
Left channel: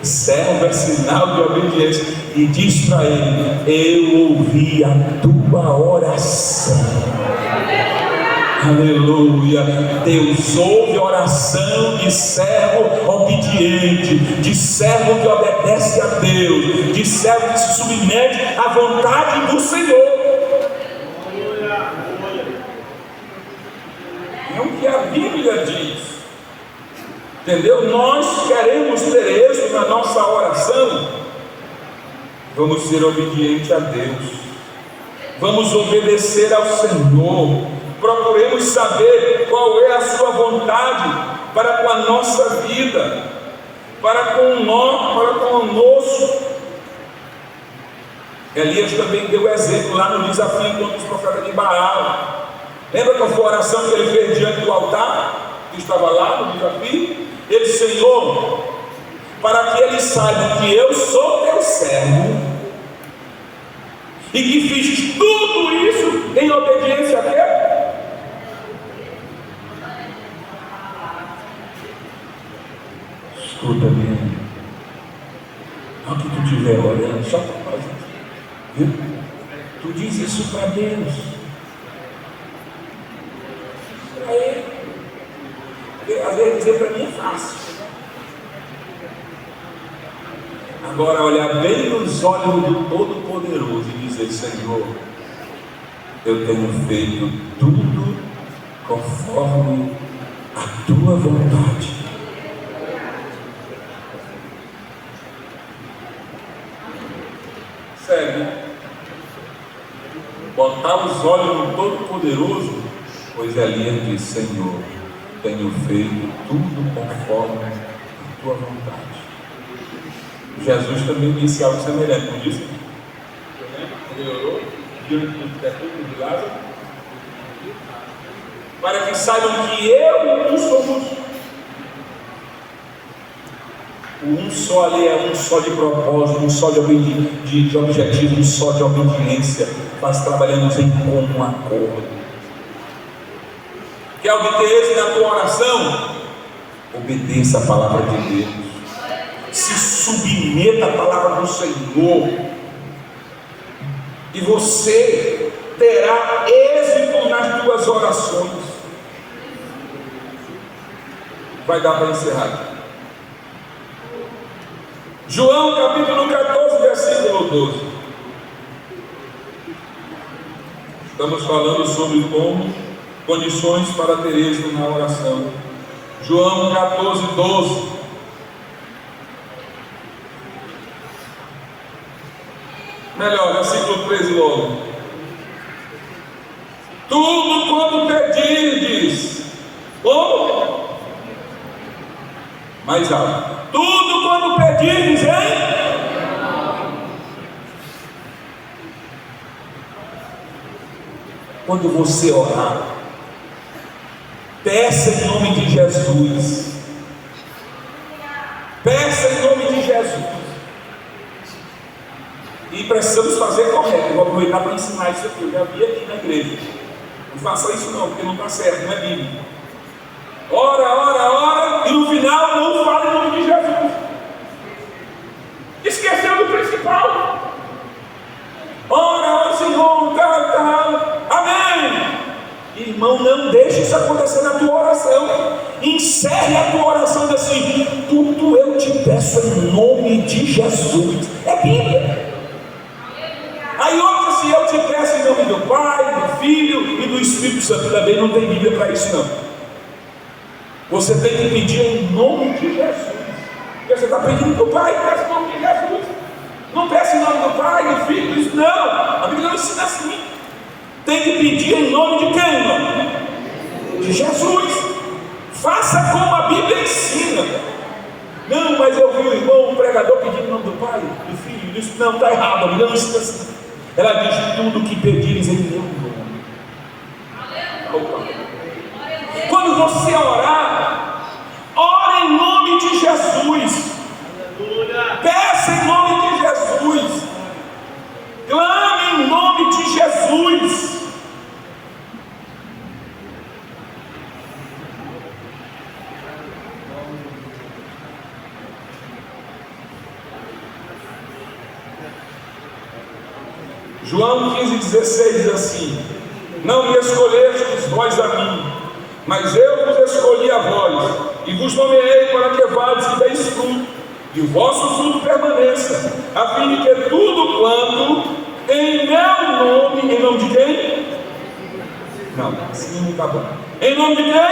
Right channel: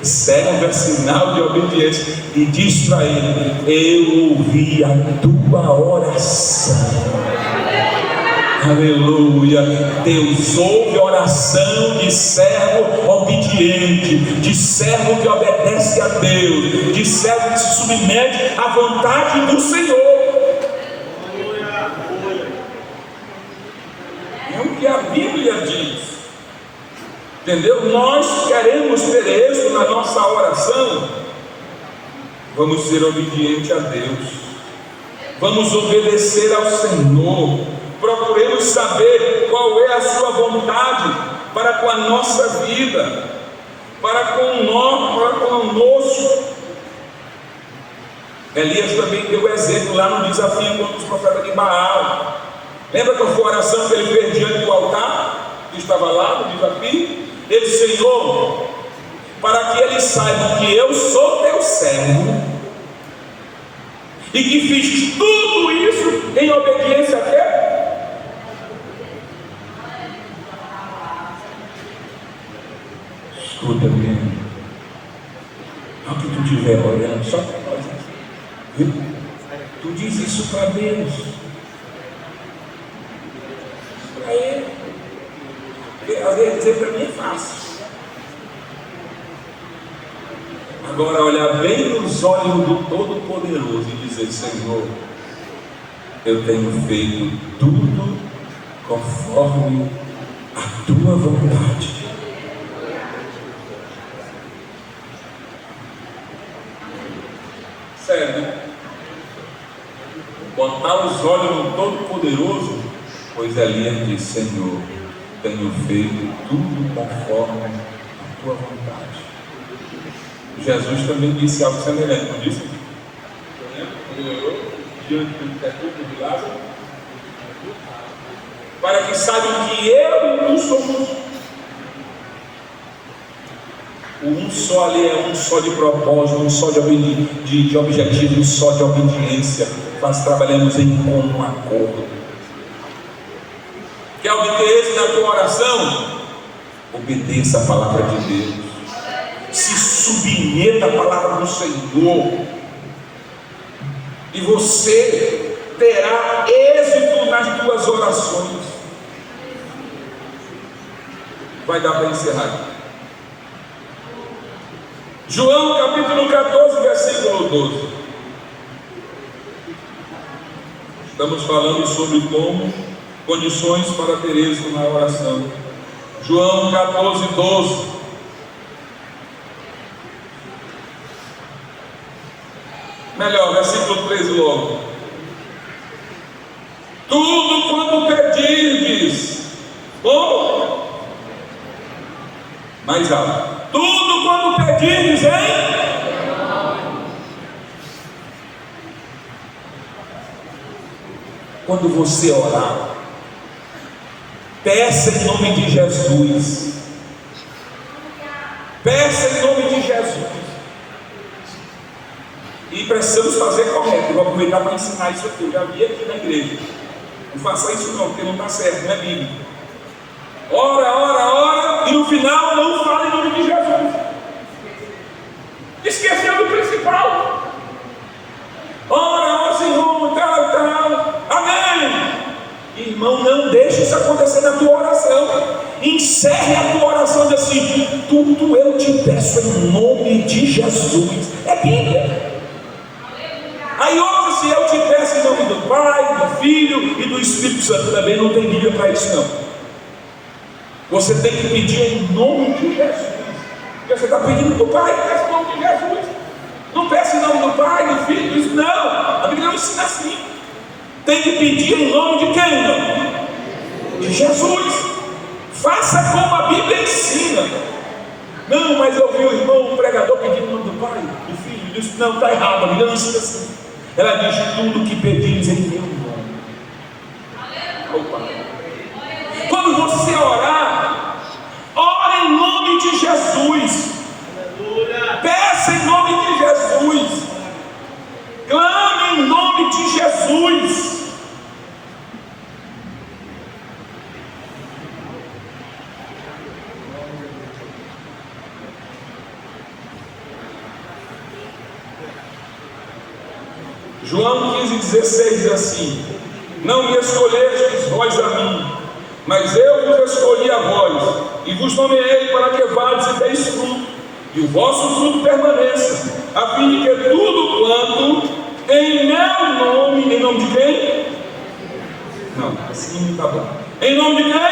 Servo é sinal de obediência. E diz para ele: eu ouvi a tua oração. Aleluia. Deus ouve a oração de servo obediente, de servo que obedece a Deus, de servo que se submete à vontade do Senhor. É o que a Bíblia diz. Entendeu? Nós queremos ter êxito na nossa oração. Vamos ser obedientes a Deus. Vamos obedecer ao Senhor. Procuremos saber qual é a sua vontade para com a nossa vida, para com o nosso. Elias também deu exemplo lá no desafio contra os profetas de Baal. Lembra qual foi a oração que ele fez diante do altar? Que estava lá no desafio. Ele disse: Senhor, para que eles saibam que eu sou teu servo e que fiz tudo isso em obediência a Deus. escuta bem. Ao que tu estiver orando, só para nós, viu? Tu diz isso para Deus, para Ele. Porque às vezes dizer para mim é fácil. Agora olhar bem nos olhos do Todo-Poderoso e dizer: Senhor, eu tenho feito tudo conforme a tua vontade. Sério, botar os olhos no Todo-Poderoso, pois ali ele diz: Senhor, tenho feito tudo conforme a tua vontade. Jesus também disse algo semelhante, não disse? Ele orou diante do sepulcro de Lázaro, para que saibam que eu e tu somos um só ali, é um só de propósito, um só de objetivo, um só de obediência. Nós trabalhamos em comum acordo. Quer obter êxito na tua oração? Obedeça a palavra de Deus. Se submeta à palavra do Senhor, e você terá êxito nas tuas orações. Vai dar para encerrar aqui. João capítulo 14, versículo 12. Estamos falando sobre como condições para ter êxito na oração. João 14, 12. Melhor, versículo 13 logo. Tudo quanto pedirdes. Como? Mais alto. Tudo quanto pedirdes, hein? Quando você orar, peça em nome de Jesus. Peça em nome de Jesus. E precisamos fazer correto. Eu vou aproveitar para ensinar isso aqui. Eu já vi aqui na igreja. Não faça isso não, porque não está certo, não é Bíblia. Ora, e no final não fala em nome de Jesus. Esqueceu do principal. Ora, Senhor, tal. Amém. Irmão, não deixe isso acontecer na tua oração. Encerre a tua oração assim: tudo eu te peço em nome de Jesus. É Bíblia. Aí outra, se eu te peço em nome do Pai, do Filho e do Espírito Santo, também não tem Bíblia para isso não. Você tem que pedir em nome de Jesus. Você está pedindo do Pai, peça em nome de Jesus. Não peça em nome do Pai, do Filho, do Espírito. Não, a Bíblia não ensina assim. Tem que pedir em nome de quem? Não? De Jesus. Faça como a Bíblia ensina. Não, mas eu vi o irmão, o pregador pedindo em nome do Pai, do Filho, do Espírito. Não, está errado, a Bíblia não ensina assim. Ela diz: tudo que pedires em meu nome. Opa. Quando você orar, ore em nome de Jesus. Peça em nome de Jesus. Clame em nome de Jesus. João 15,16 diz assim: não me escolhestes vós a mim, mas eu vos escolhi a vós, e vos nomeei para que vades e deis fruto, e o vosso fruto permaneça, a fim de que tudo quanto em meu nome, em nome de quem? Não, assim não está bom. Em nome de quem?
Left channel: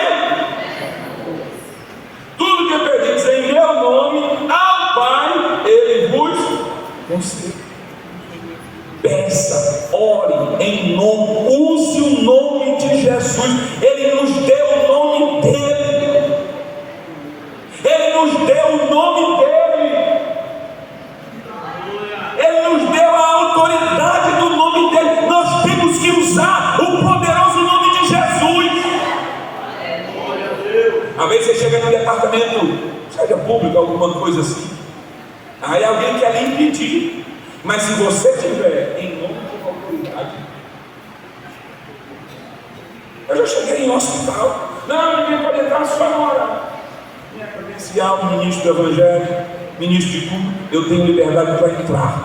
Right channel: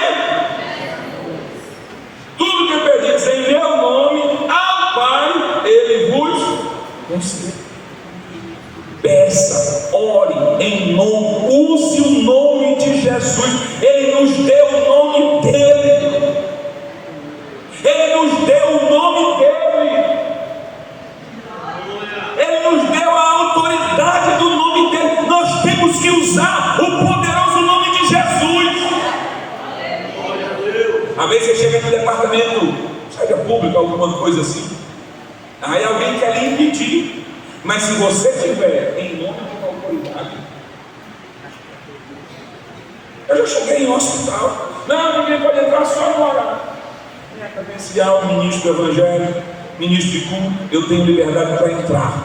Tudo que pedis em meu nome ao Pai, Ele vos concede. Peça, ore em nome, use o nome de Jesus. Ele nos deu o nome dele. Ele nos deu o nome dele. Ele nos deu a autoridade do nome dele. Nós temos que usar o poderoso nome de Jesus. Às vezes você chega no departamento, seja público, alguma coisa assim, aí alguém quer lhe impedir. Mas se você tiver em nome de uma autoridade, eu já cheguei em um hospital, não, ninguém pode entrar, só não orar. minha credencial, ministro do Evangelho, ministro de culto, eu tenho liberdade para entrar.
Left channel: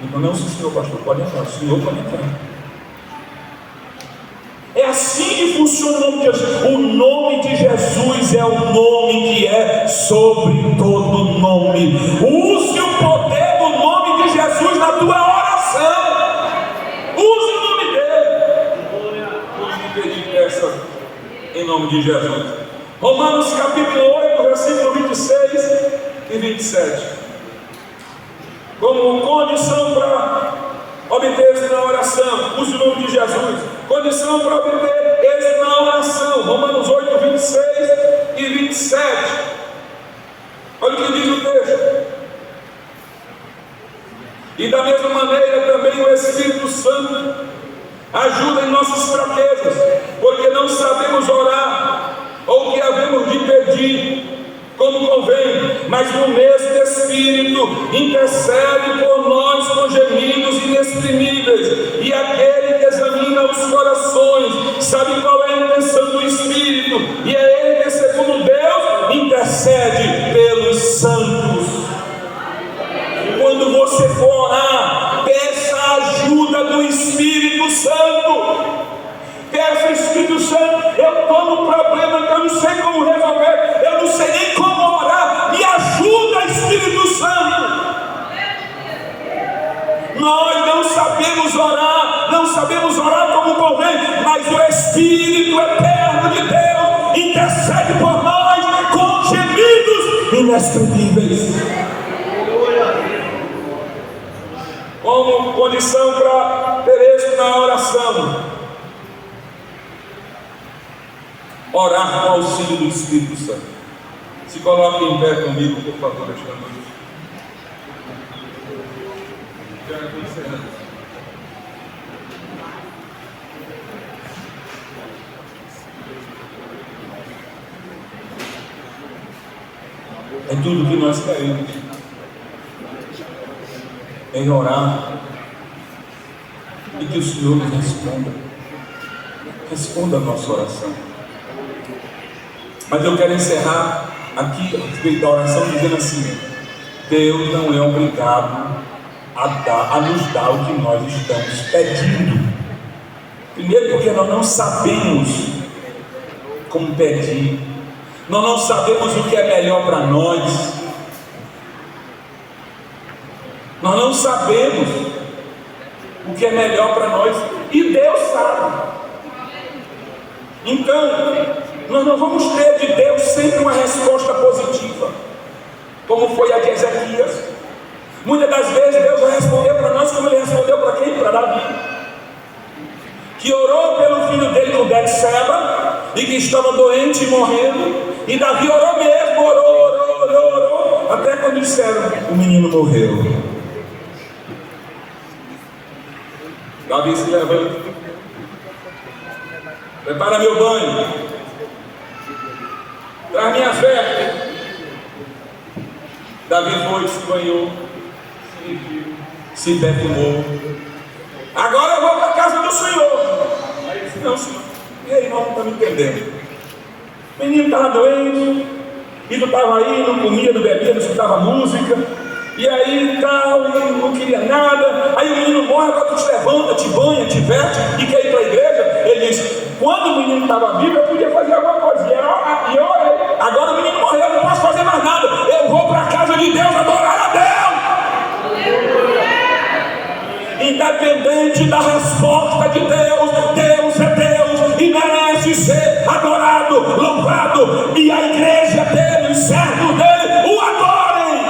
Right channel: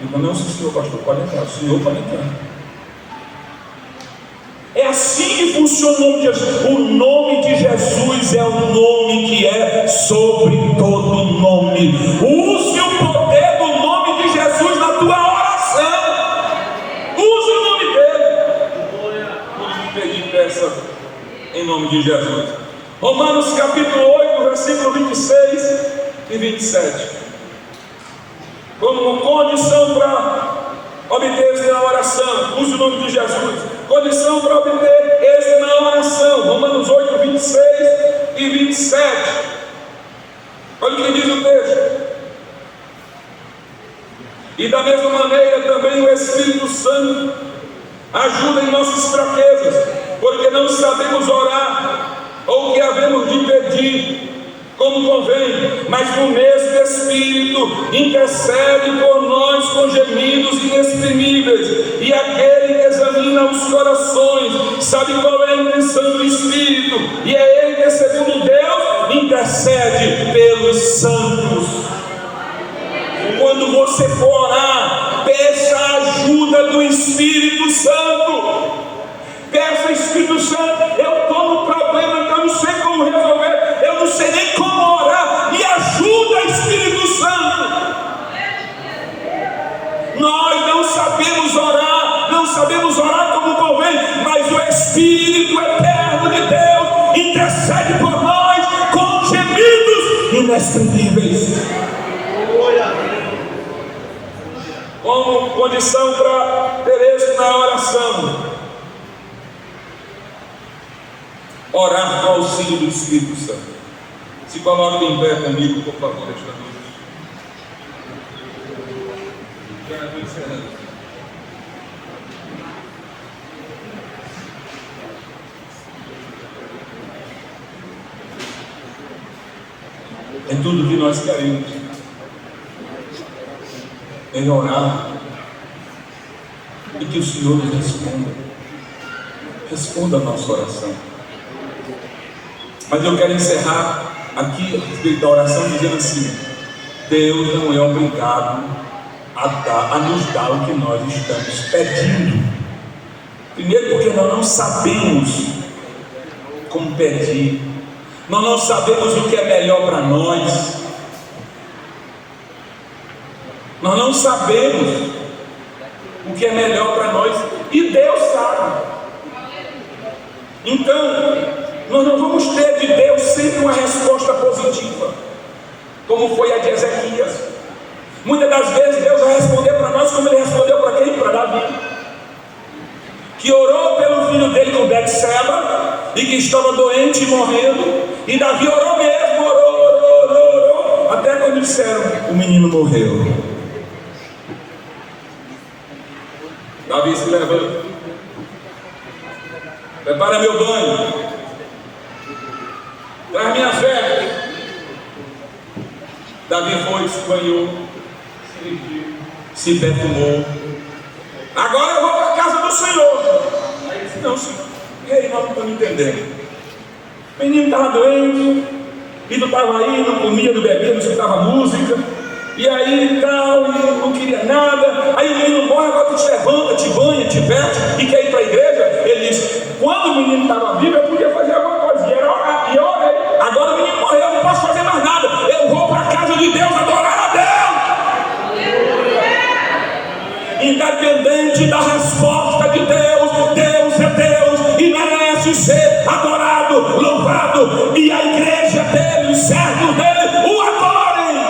Então, não, se o senhor pastor pode entrar, o senhor pode entrar. É assim que funciona o nome de Jesus. O nome de Jesus é o nome que é sobre todo nome. Use o poder do nome de Jesus na tua oração. Use o nome dele. Vamos pedir peça em nome de Jesus. Romanos capítulo 8, versículo 26 e 27. Como condição para obter êxito na oração, use o nome de Jesus. Condição para obter êxito na oração. Romanos 8, 26 e 27. Olha o que diz o texto. E da mesma maneira também o Espírito Santo ajuda em nossas fraquezas, porque não sabemos orar ou o que havemos de pedir como convém, mas no mesmo Espírito intercede por nós com gemidos inexprimíveis, e aquele que examina os corações sabe qual é a intenção do Espírito, e é ele que, segundo Deus, intercede pelos santos. Quando você for orar, peça a ajuda do Espírito Santo. Peça, Espírito Santo, eu estou no problema que eu não sei como resolver, eu não sei nem como orar, me ajuda, Espírito Santo. Nós não sabemos orar como convém, mas o Espírito eterno de Deus intercede por nós com gemidos inexprimíveis. Como condição para ter êxito na oração, orar com o auxílio do Espírito Santo. Se coloque em pé comigo, por favor, esta noite. Já estou encerrando. É tudo que nós queremos, em orar, e que o Senhor nos responda a nossa oração. Mas eu quero encerrar aqui a respeito da oração dizendo assim: Deus não é obrigado a nos dar o que nós estamos pedindo. Primeiro, porque nós não sabemos como pedir, nós não sabemos o que é melhor para nós, nós não sabemos o que é melhor para nós, e Deus sabe. Então, nós não vamos ter de Deus sempre uma resposta positiva, como foi a de Ezequias. Muitas das vezes Deus vai responder para nós como Ele respondeu para quem? Para Davi, que orou pelo filho dele com Betseba, e que estava doente e morrendo, e Davi orou mesmo, orou, até quando disseram: o menino morreu. Davi se levanta, prepara meu banho, traz minhas vestes. Davi foi, se banhou, se perfumou. Agora eu vou para a casa do Senhor. Aí disse: não, Senhor. E aí, nós não estamos entendendo. O menino estava doente, e não estava aí, não comia, não bebia, não escutava música. E aí tal, e não queria nada. Aí o menino morre, agora tu te levanta, te banha, te veste e quer ir para a igreja. Ele diz: quando o menino estava vivo, eu podia fazer alguma coisa, e era orar, e eu orei. Agora o menino morreu, eu não posso fazer mais nada. Eu vou para a casa de Deus adorar a Deus. Independente da resposta de Deus, Deus é Deus e merece ser adorado, louvado. E a igreja dele, os servos dele, o adorem.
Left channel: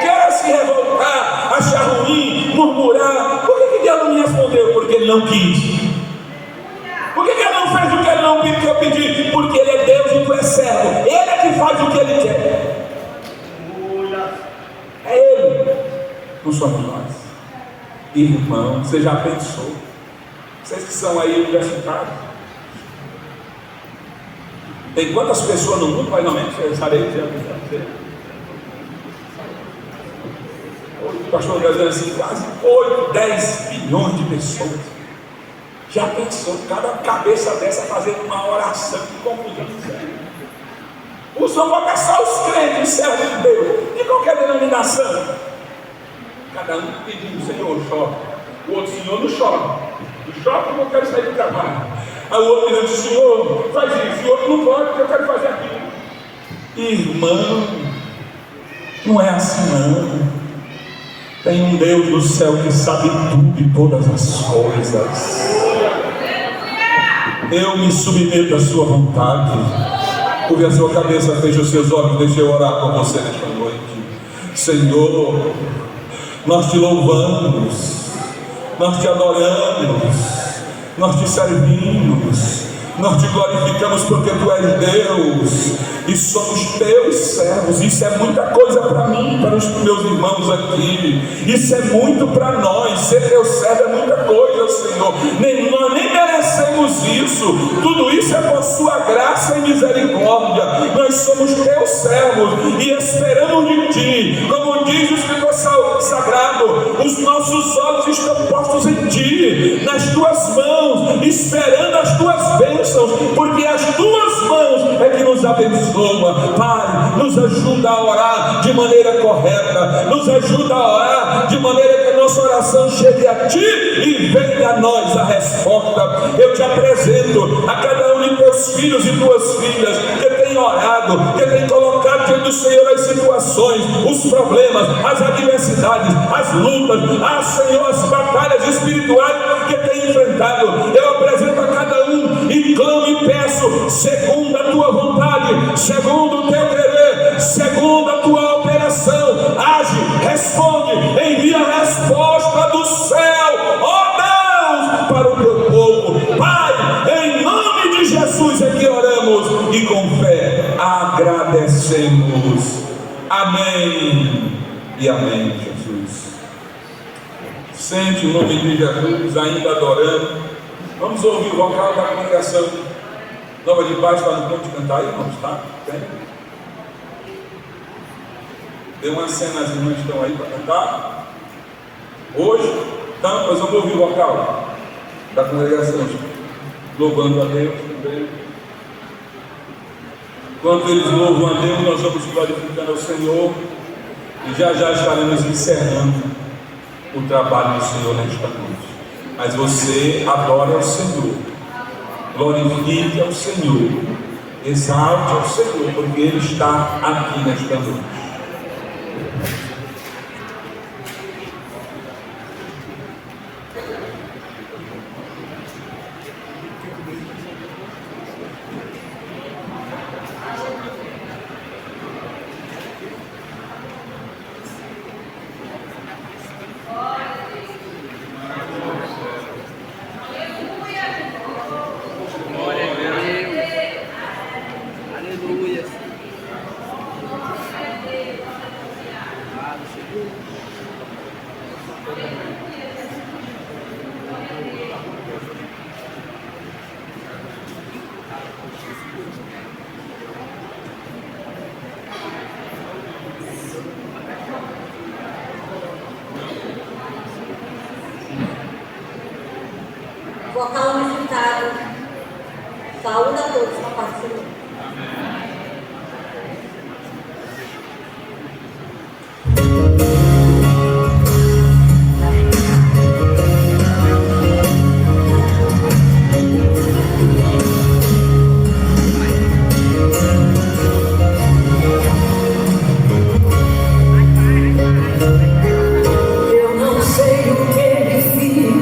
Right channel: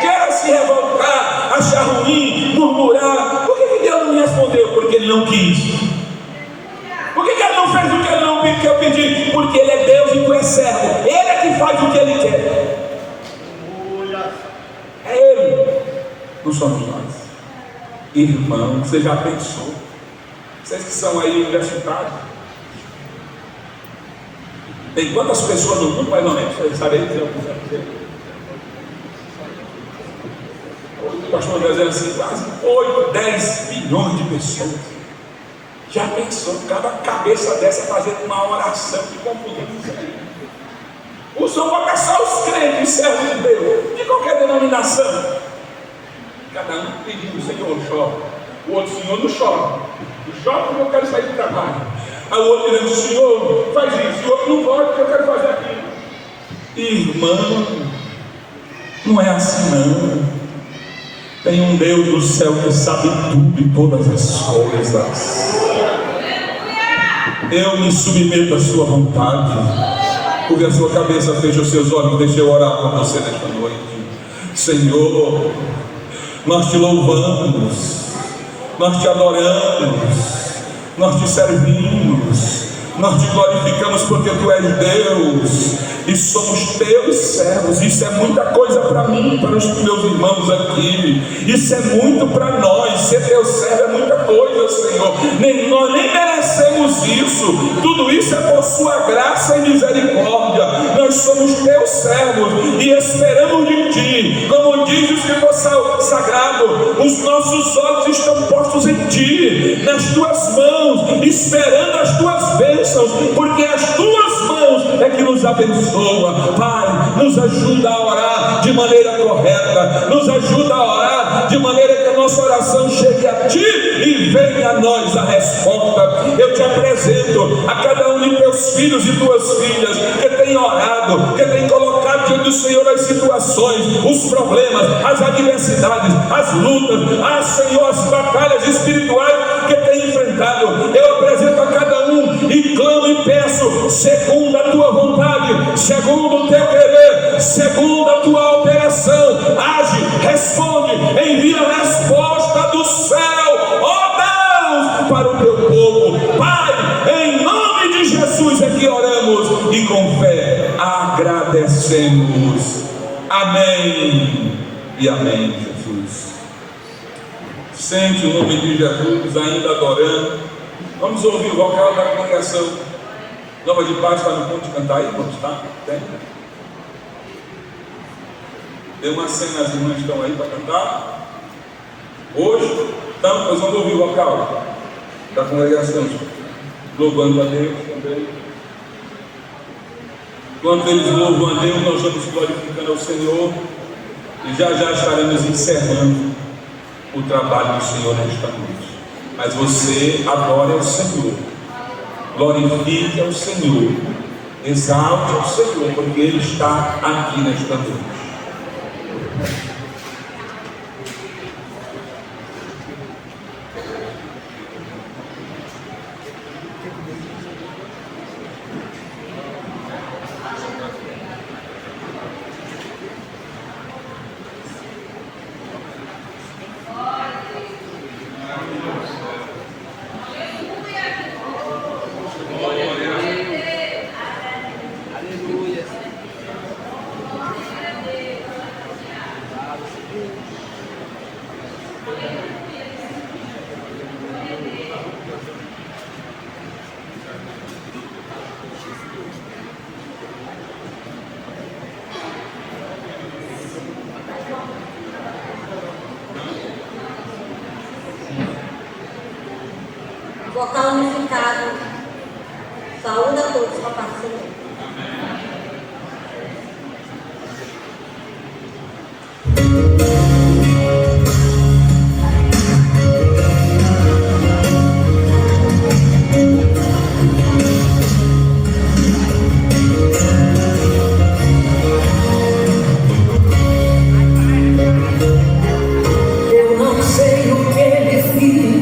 Quer se revoltar, achar ruim, murmurar. Por que Deus não me respondeu? Porque Ele não quis. Por que Ele não fez o que Ele não pediu, que eu pedi? Porque Ele é Deus e tu és servo. Ele é que faz o que Ele quer. É Ele, não somos nós. Irmão, você já pensou? Vocês que são aí universitários, tem quantas pessoas no mundo, mais ou menos? Eu estarei dizendo. O pastor está dizendo assim: quase 8, 10 bilhões de pessoas Já pensou, cada cabeça dessa fazendo uma oração de confusão? O Senhor vai caçar os crentes, servos de Deus, de qualquer denominação. Cada um pedindo, Senhor, chora. O outro, Senhor, não chora. Chora porque eu quero sair do trabalho. Aí o outro dizendo, Senhor, faz isso. E o outro, não pode porque eu quero fazer aquilo. Irmão, não é assim não. Tem um Deus do céu que sabe tudo e todas as coisas. Eu me submeto à sua vontade. Curve a sua cabeça, feche os seus olhos, deixa eu orar com você nesta noite. Senhor, nós te louvamos, nós te adoramos, nós te servimos, nós te glorificamos porque tu és Deus e somos teus servos. Isso é muita coisa para mim, para os meus irmãos aqui. Isso é muito para nós. Ser teu servo é muita coisa, Senhor. Nós nem merecemos isso. Tudo isso é por sua graça e misericórdia. Nós somos teus servos e esperamos de ti. Como diz o Escritor Sagrado, os nossos olhos estão postos em ti, nas tuas mãos, esperando as tuas bênçãos, porque as tuas mãos é que nos abençoam. Pai, nos ajuda a orar de maneira correta, nos ajuda a orar de maneira que a nossa oração chegue a ti e venha a nós a resposta. Eu te apresento a cada um de teus filhos e tuas filhas que tem orado, que tem colocado diante do Senhor as situações, os problemas, as adversidades, as lutas, Senhor, as batalhas espirituais que tem enfrentado. Eu apresento a cada um e clamo e peço, segundo a tua vontade, segundo o teu querer, segundo a tua operação, age, responde, envia a resposta do céu, ó Deus, para o teu povo. Pai, em nome de Jesus é que oramos e com fé agradecemos. Amém e amém, Jesus. Sente o nome de Jesus ainda adorando. Vamos ouvir o vocal da congregação Nova de Paz, para no ponto de cantar aí, irmãos, tá? Tem? Dê uma cena, as irmãs estão aí para cantar. Hoje, então, nós vamos ouvir o vocal da congregação, louvando a Deus também. Enquanto eles louvam a Deus, nós vamos glorificando ao Senhor e já estaremos encerrando o trabalho do Senhor nesta noite. Mas você adore ao Senhor, glorifique ao Senhor, exalte ao Senhor, porque Ele está aqui nesta noite. Vocal unificado. Saúde a todos com a paz do Senhor. Eu não sei o que ele fiz.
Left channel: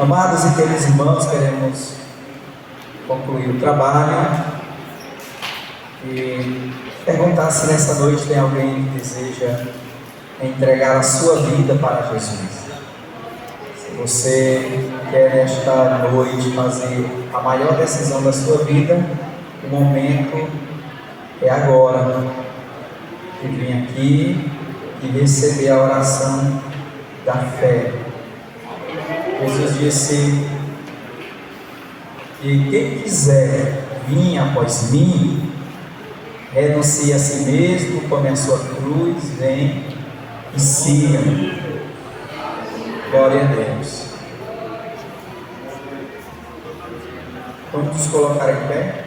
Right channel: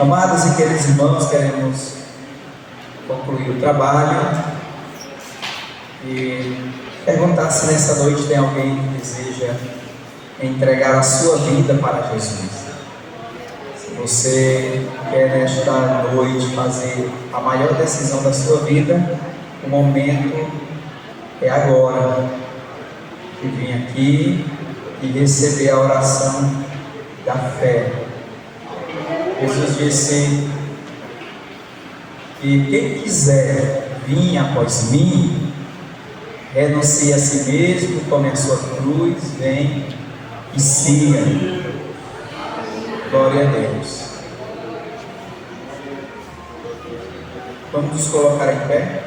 Amados e queridos irmãos, queremos concluir o trabalho e perguntar se nessa noite tem alguém que deseja entregar a sua vida para Jesus. Se você quer nesta noite fazer a maior decisão da sua vida, o momento é agora de vir aqui e receber a oração da fé. Jesus disse que quem quiser vir após mim, renuncie a si mesmo, tome a sua cruz, vem e siga. Glória a Deus. Vamos nos colocar em pé.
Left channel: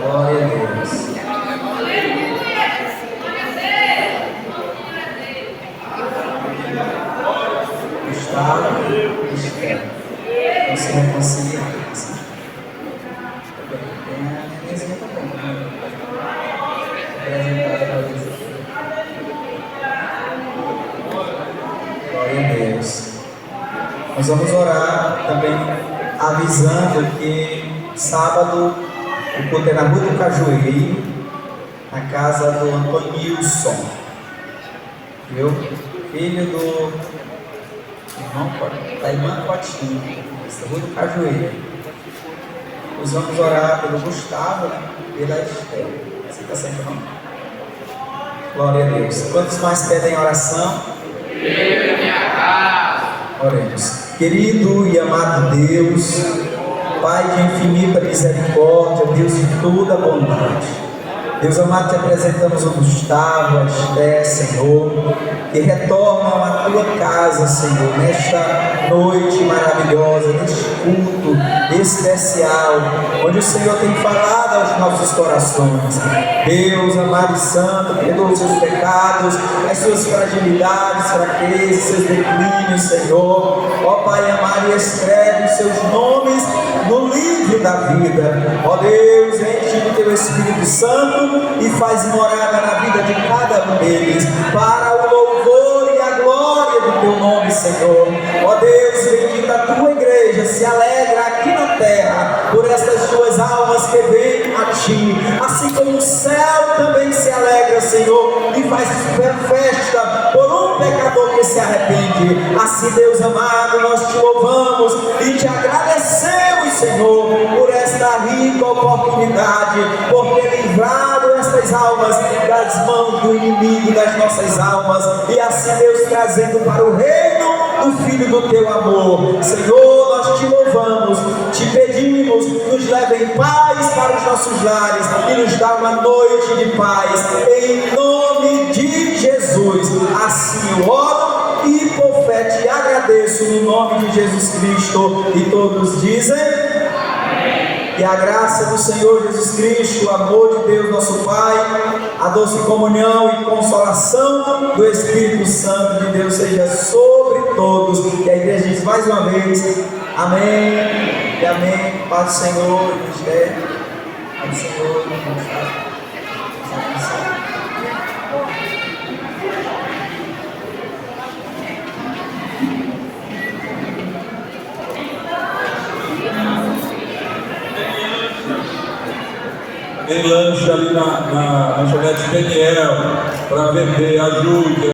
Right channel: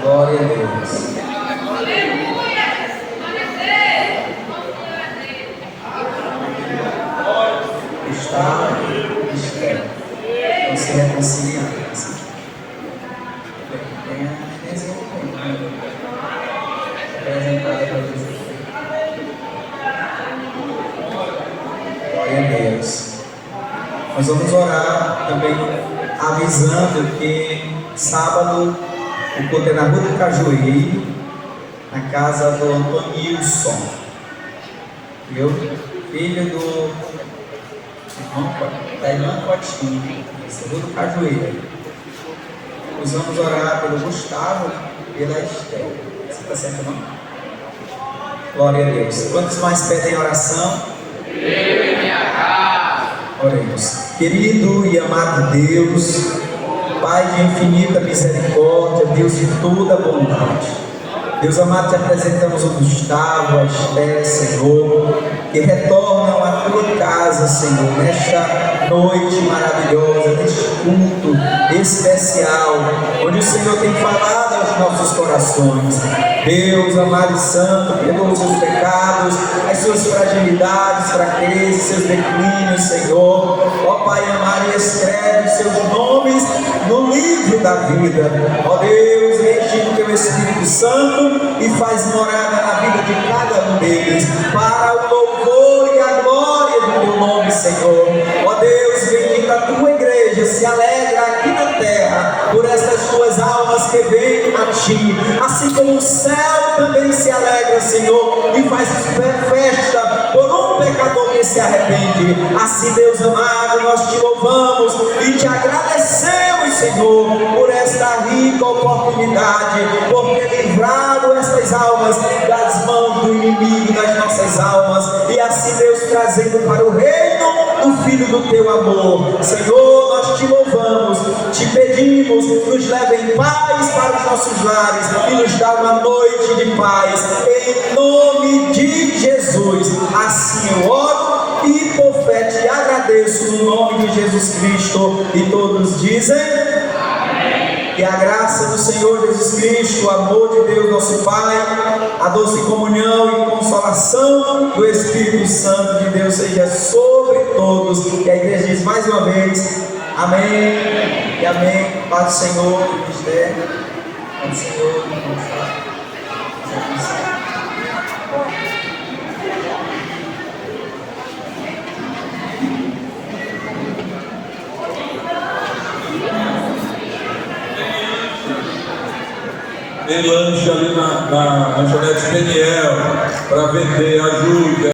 Glória a Deus. Gustavo, Esther, não se reconcilia. Tem a mesa também. Apresentada para Jesus. Glória a Deus. Nós vamos orar também avisando que sábado o culto é na Rua do Cajueiro, na casa do Antonilson, viu? Filho do irmão, da irmã Cotinha, Rua do Cajueiro. Nós vamos orar pelo Gustavo e pela Esther. Você está certo, não? Glória a Deus. Quantos mais pedem oração? Eu e minha casa. Oremos. Querido e amado Deus, Pai de infinita misericórdia, Deus de toda bondade, Deus amado, te apresentamos o Gustavo, a Esther, Senhor, que retornam à tua casa, Senhor, nesta noite maravilhosa, neste culto especial, onde o Senhor tem falado aos nossos corações. Deus amado e santo, perdoa os seus pecados, as suas fragilidades, fraquezas, seus declínios, Senhor. Ó Pai amado, e escreve os seus nomes no livro da vida. Ó Deus, enche do teu Espírito Santo e faz morada na vida de cada um deles, para o louvor e a glória do teu nome, Senhor. Ó Deus, bendita a tua igreja, se alegra aqui na terra por estas tuas almas que vêm a ti, assim como o céu também se alegra, Senhor, e faz festa por um pecador que se arrepende. Assim, Deus amado, nós te louvamos e te agradecemos, Senhor, por esta rica oportunidade, por ter livrado estas almas das mãos do inimigo das nossas almas, e assim, Deus, trazendo para o reino do Filho do teu amor. Senhor, nós te louvamos, te pedimos, nos leve em paz para os nossos lares e nos dá uma noite de paz, em nome de Jesus. Assim eu oro e por fé te agradeço no nome de Jesus Cristo, e todos dizem amém. Que a graça do Senhor Jesus Cristo, o amor de Deus nosso Pai, a doce comunhão e consolação do Espírito Santo de Deus seja sobre todos. E a igreja diz mais uma vez amém e amém. Paz do Senhor, Esther, paz do Senhor, Tem lanche ali na lanchonete Peniel para vender, ajuda.